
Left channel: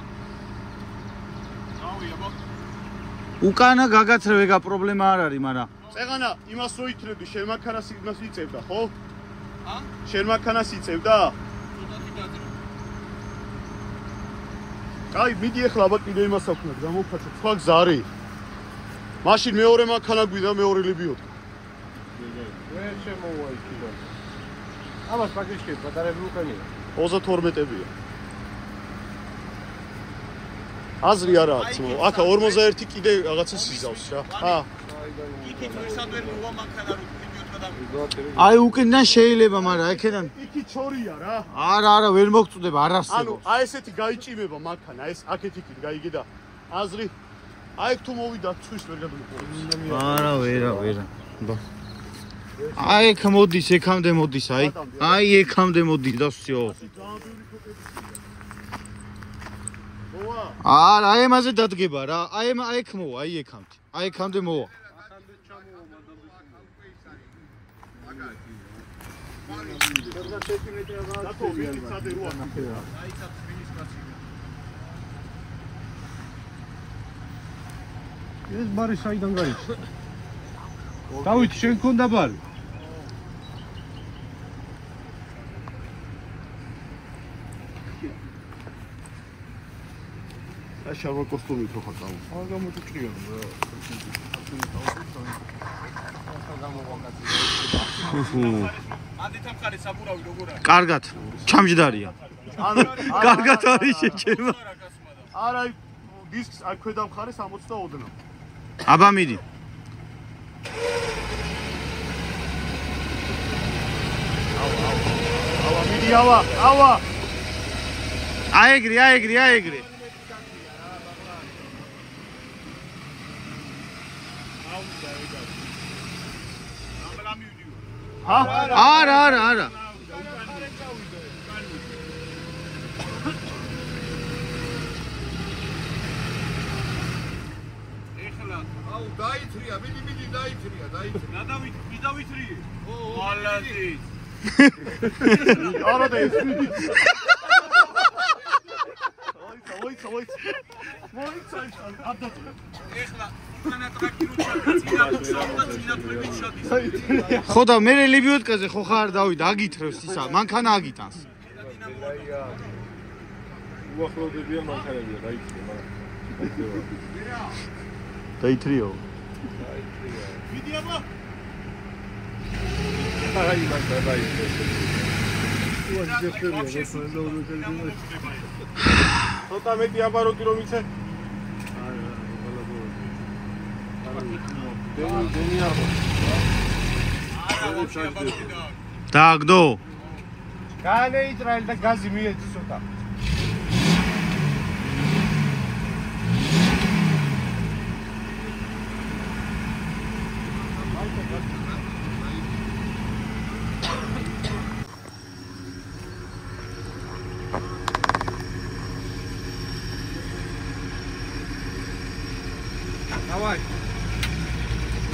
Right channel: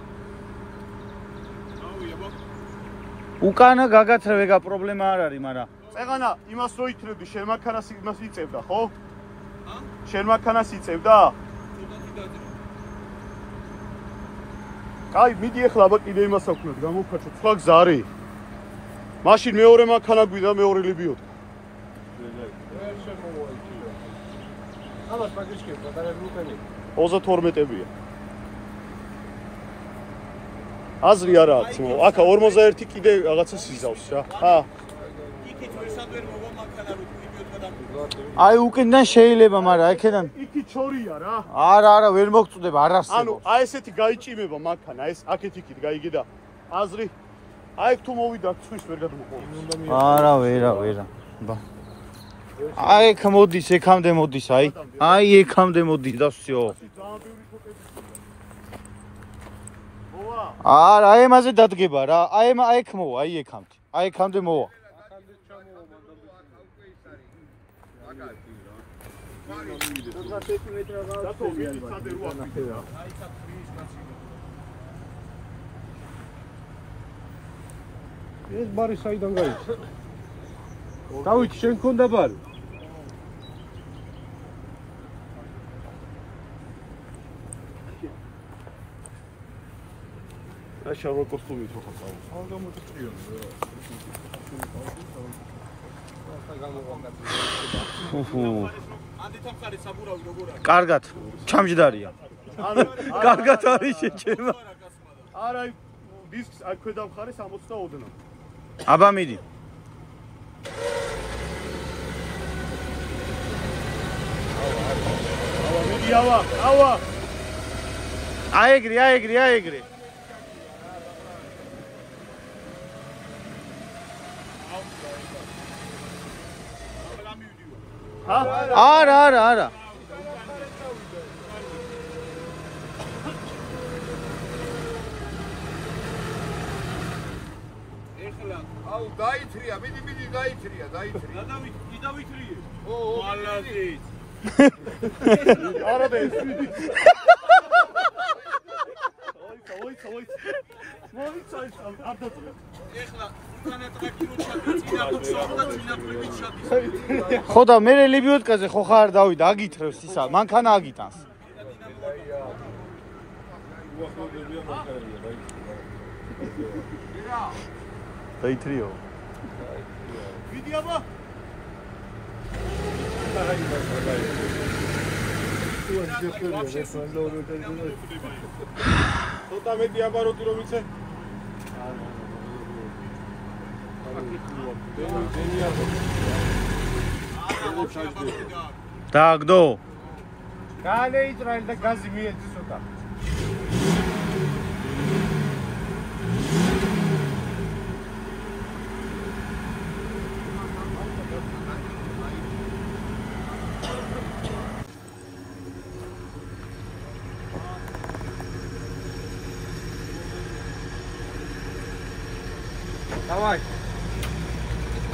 აუიებო. უკანა გაგაცრევ ეგა პრობლემა არ არის მაგრამ წეღანა იმას რო იქნები, შემაქანას იმას იწევდა, ხო? შემაქანას იწევდა? აი, მიდი ახლა აბა კიდე იმას აქვთ, გამოვხატე, სხვა გზა არის. მაშინ მეორე მანქანა გვიდა, მეორე ლიბიოტკა. ვერ შემოვა იქ. ამას პაკიჩკი პატარები უკანი. 32-ებია. აზრი არა აქვს, აქა 41 კიდე რაღაცა სიზავს რა. იქით მისადერ მოვა მანქანა რო ლიბიოტკა და. აი უკენიდან შეიძლება მაგრამ აქედან იქით ჩორია რა. არა ვერ მოგწდება არ ანუ არსებობს აი ესეთი გაიჭიმება მანქანა, ეს აქეთ იქით გაიგე და აზრი აი თუ მოვიდა თვის ვერ გადმოყოლოს. არა ვერა ბა აი ეგ მოდის ეკამდე მოდის აი ეკამდე მოდის და всё არა აი მასე დადგება რა აი ეგ მოვა აი ეკამდე მოვა ეს ბარი საიდან გაიჭრა? დავით, შენ გქონდა ბარი? შავ კოსტუმით ხო ხარ? არ გამოჭრიან რა. ანდეთამხარი საბურავი როგორ არის? კარგად, ჩამჯდარია. კარგად არის შეჭება. არა, დისკს აქ ქვედა მხარეს 62. აბა მიდი. ავა მიდი, ავა. აეგრი. არა. ეხლა აუ დაითრია, მიდი დაითრია. დავითრიე. მალანტიც. არა და ეს მიდი. მოიცა. არ დაწვე. ეხლა უკანა ტრაქირო ჩადის, წინა ბუქსოვი და წინა ფრებით შოდის. ხო და მე ლიბიოტკაზე ხო ხარ დავით, აგითრევს ისა, მანქანა აგიტანს. უახლოვდებიან მანქანებია, დაითრიო. მიდი აბა. ცოტა მეტი აბაროტი რომ იცე? დააგდო. განეიჭრა და გაზი მიეცი ცოტა. დავაი.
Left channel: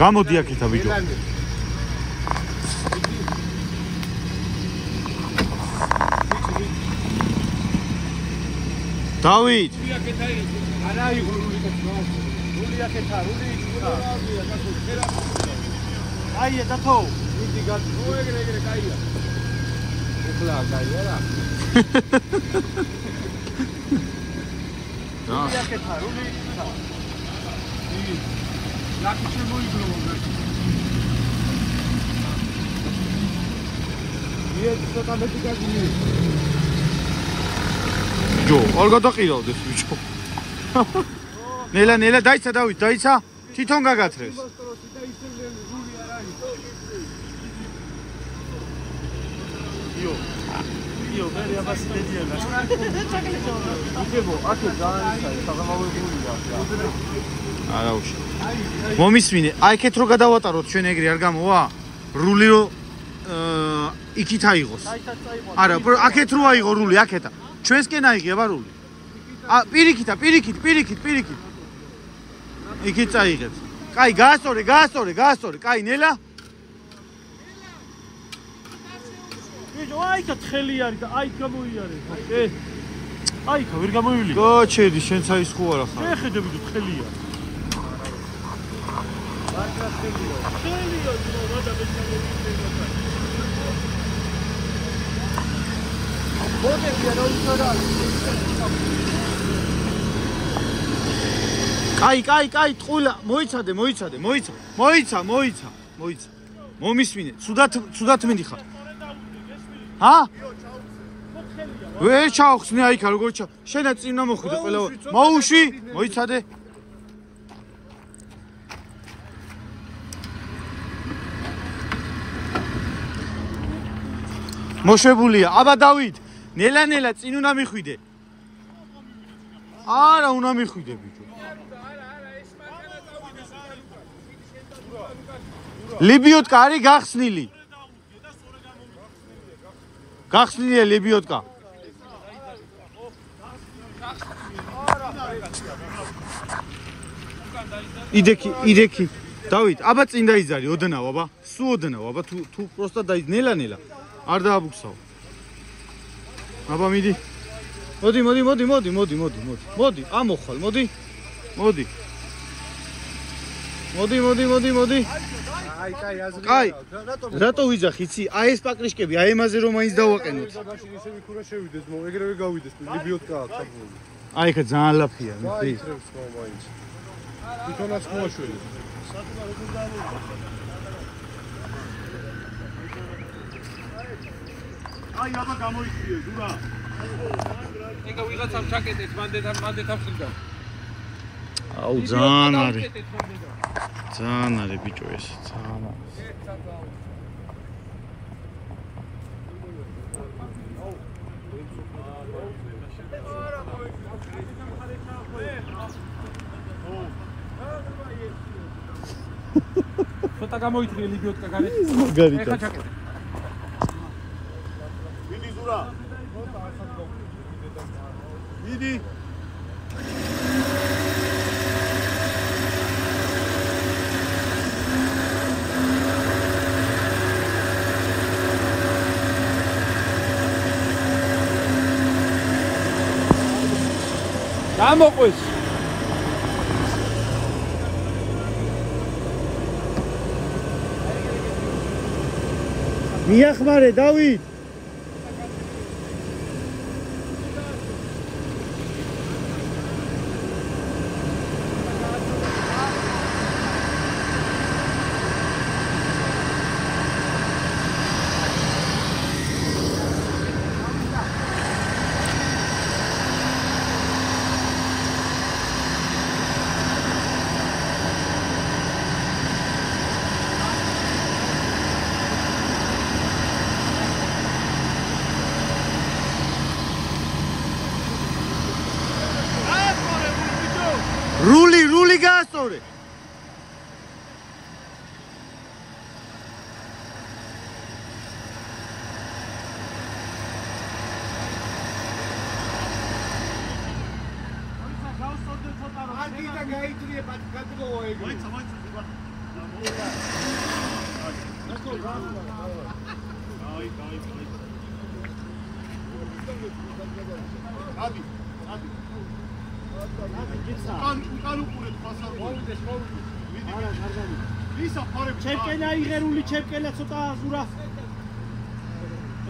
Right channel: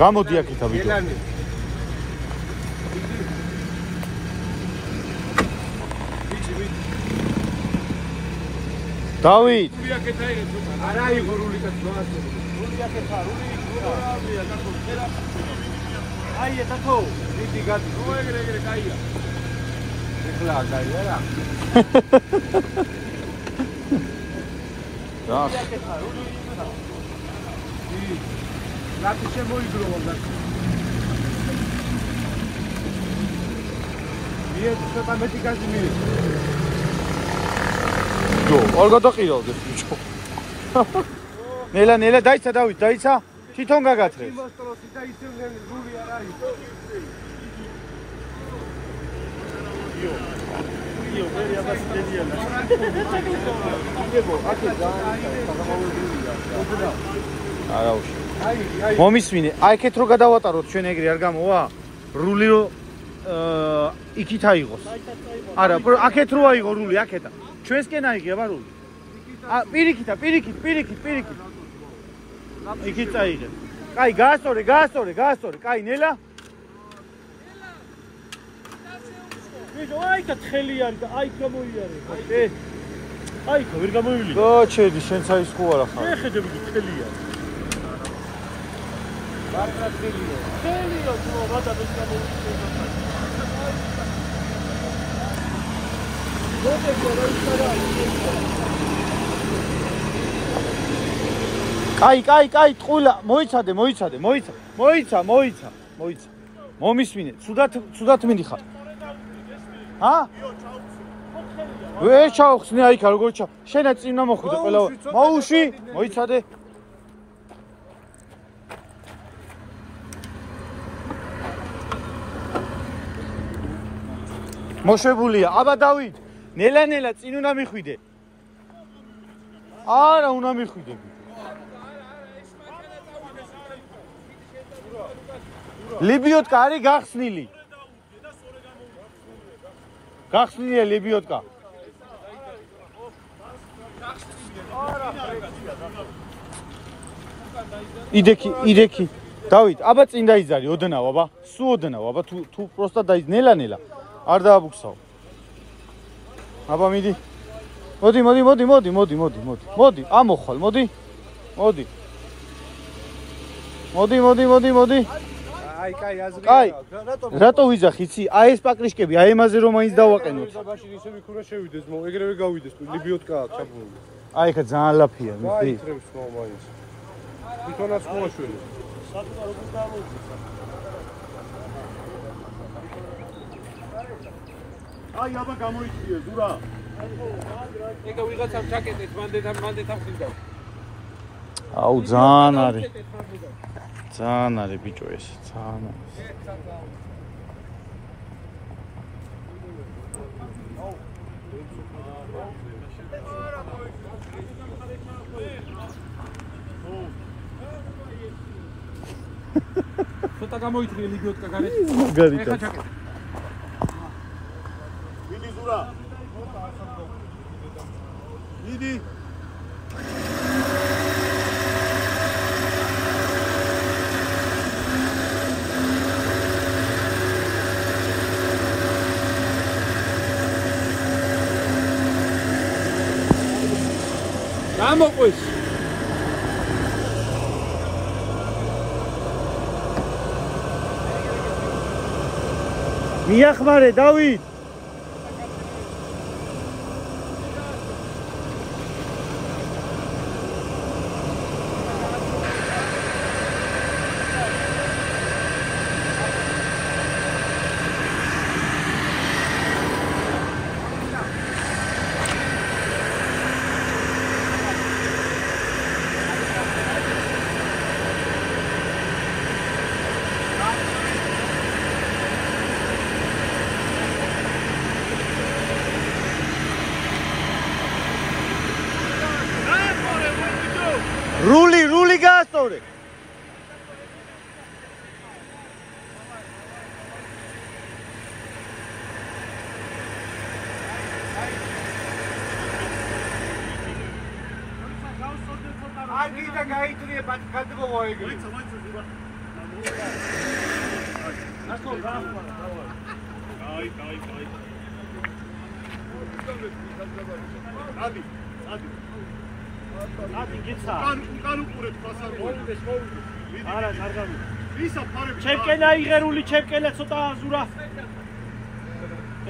გამოდი აქეთა ბიჭო. დავით. არა იყო რული კაცმა. რული აქეთა, რული. აი ეთათო. დიდი გაწუა ეგრე კაია. ეხლა კაია რა. რა. ლაკი შემოიგროვა და ცოტა მეტი გაზი მიეცი. ბიჭო, არ გადაყირავდეს ბიჭო. ნელა დაიცა დავით, დაიცა. თვითონ გაგათრევს. იო, მე აბას დედია. იგებო, აქ და არა უშ. მომისმინე, აი ეკეთ რო გადავატაროთ ჩვენ ეგრე არ გამოვა? რული რო იქით აიღოს. არა, აქეთ რო აიღო რული, აქეთა. ჩვენსკენ აიღე აბა რული. პირიქით. იქით წაიღეთ. კაი, გაასწორე. კაი, ნელა. ბიჭო, აიქა თხელი არის და აიქ გამოიარე. აიქა ვერ გამოივლიო. გოჩედი, შენც აი სკო არა ხარ. ხედე ბიჭო, თხელია. კაი, ტყულა, მოიცადე. მომისმინე, ცუდად მინდი ხარ. ჰა? ვერ ჩავხსნე აიქა როგორ ჩა. შენაც წინ უნდა მოხვიდე ყველა. მოუში, მოიცადე. მოშვებულია. აბა დავით, ნელა წინ უნდა მიხვიდე. არა, უნდა მიხვიდე ბიჭო. ლიბიოტკა არის გახსნილი. გახსნილია ლიბიოტკა. იდექი. დავით, აბა წინ დაიძარი, ოდნავ, აბა. სულ ოდნავ, აბა თუ პროსტა ნელა. არ დააბუქსაო. აბა მიდი. მოდი. ამოხვალ, მოდი. კაი. რატო ვიძახი, იცი? აი ეს პაკრიშკები, აი ემაზე რომ მაინც დავაყენოთ. მაშინ ისინი ქურა შევიდეს, ეგრევე გავიდეს, ლიბიოტკა ჩაგული. აი ხა ძალიან ლაფია, მიხი. თვითონაც მოაშველი. აი აბა გამოიწვიე ზურა. ეგა ვიღაცამ ჩაკეტეთ, მანდე თავხილდა. აუ ძალიან არის. ძალიან არის ბიჭო ეს, ძალიან. ცოტა გამოიწვიე ლიბიოტკა გარეთ. გარეთ. მიდი ზურა. მიდი. გამოყვის. მიახმარე დავით. რული გაასწორე. აგიდა გაიტრია ბატკატბო ეგრე. კაი. ადი გიცა. უკან უყურეთ ფასარ მოიდეს. არა, კარგად. ვისა ფარები? ჩემკენა იღერული, ჩემკენა ცოტა აზურა.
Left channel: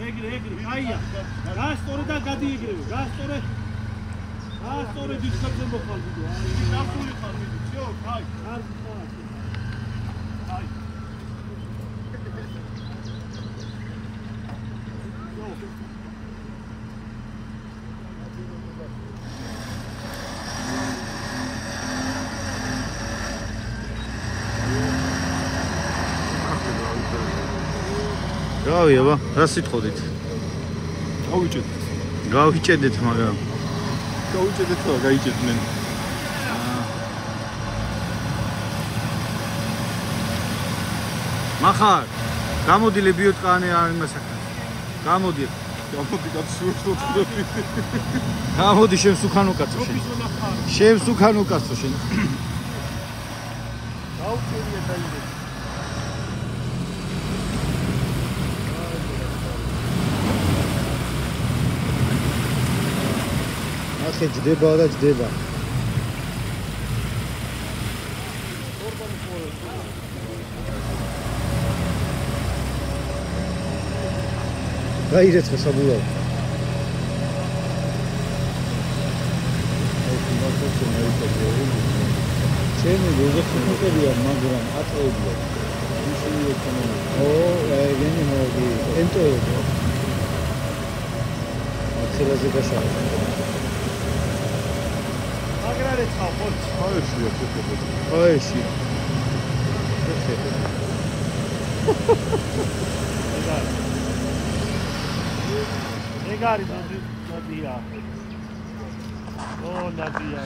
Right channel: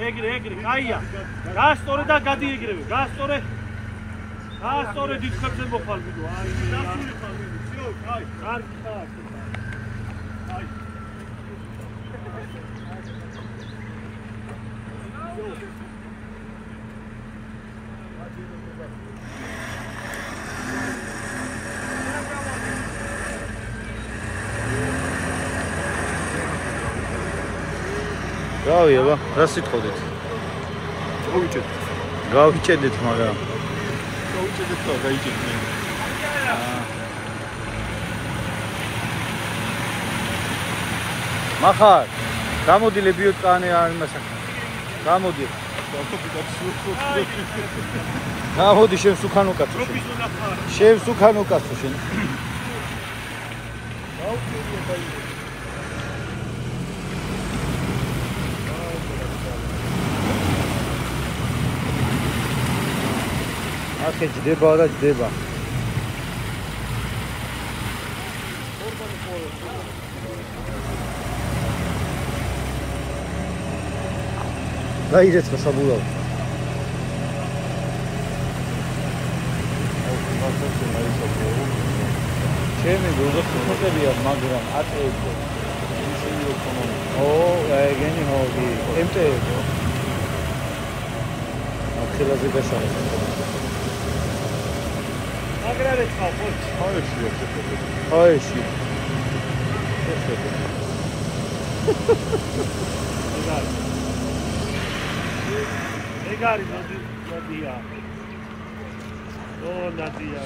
ეგრე, კაია. გასწორე და გადი ეგრევე. გასწორე დიდ ხებზე მოხალ ვიდო. აი, დასული ხარ მიდი. всё, კაი. კარგი. კაი. გავი აბა, რა სიტყოდით? გავიჭედეთ, მაგრამ გავიჭედეთ და გაიჭედნენ. მახარ, გამოდი ლიბიოტკანე არ იმასაკ. გამოდი. გამოდი შენ სუქანო კაცო შენ. შენ სუქანო კაცო შენ. გაუჭერია დაიდე. ახე ჯდება და ჯდება. გაირეცხა საბურავ. ჩემი გოგოთმოყებია, მაგრამ აწევია. ისინი ეკონომიკა. ეგენი მოდი. ემტოებო. ახალაზე გასაუბრე. აგრარეთ ხარ, აიში. ეგარი მოდია. ო ნადია.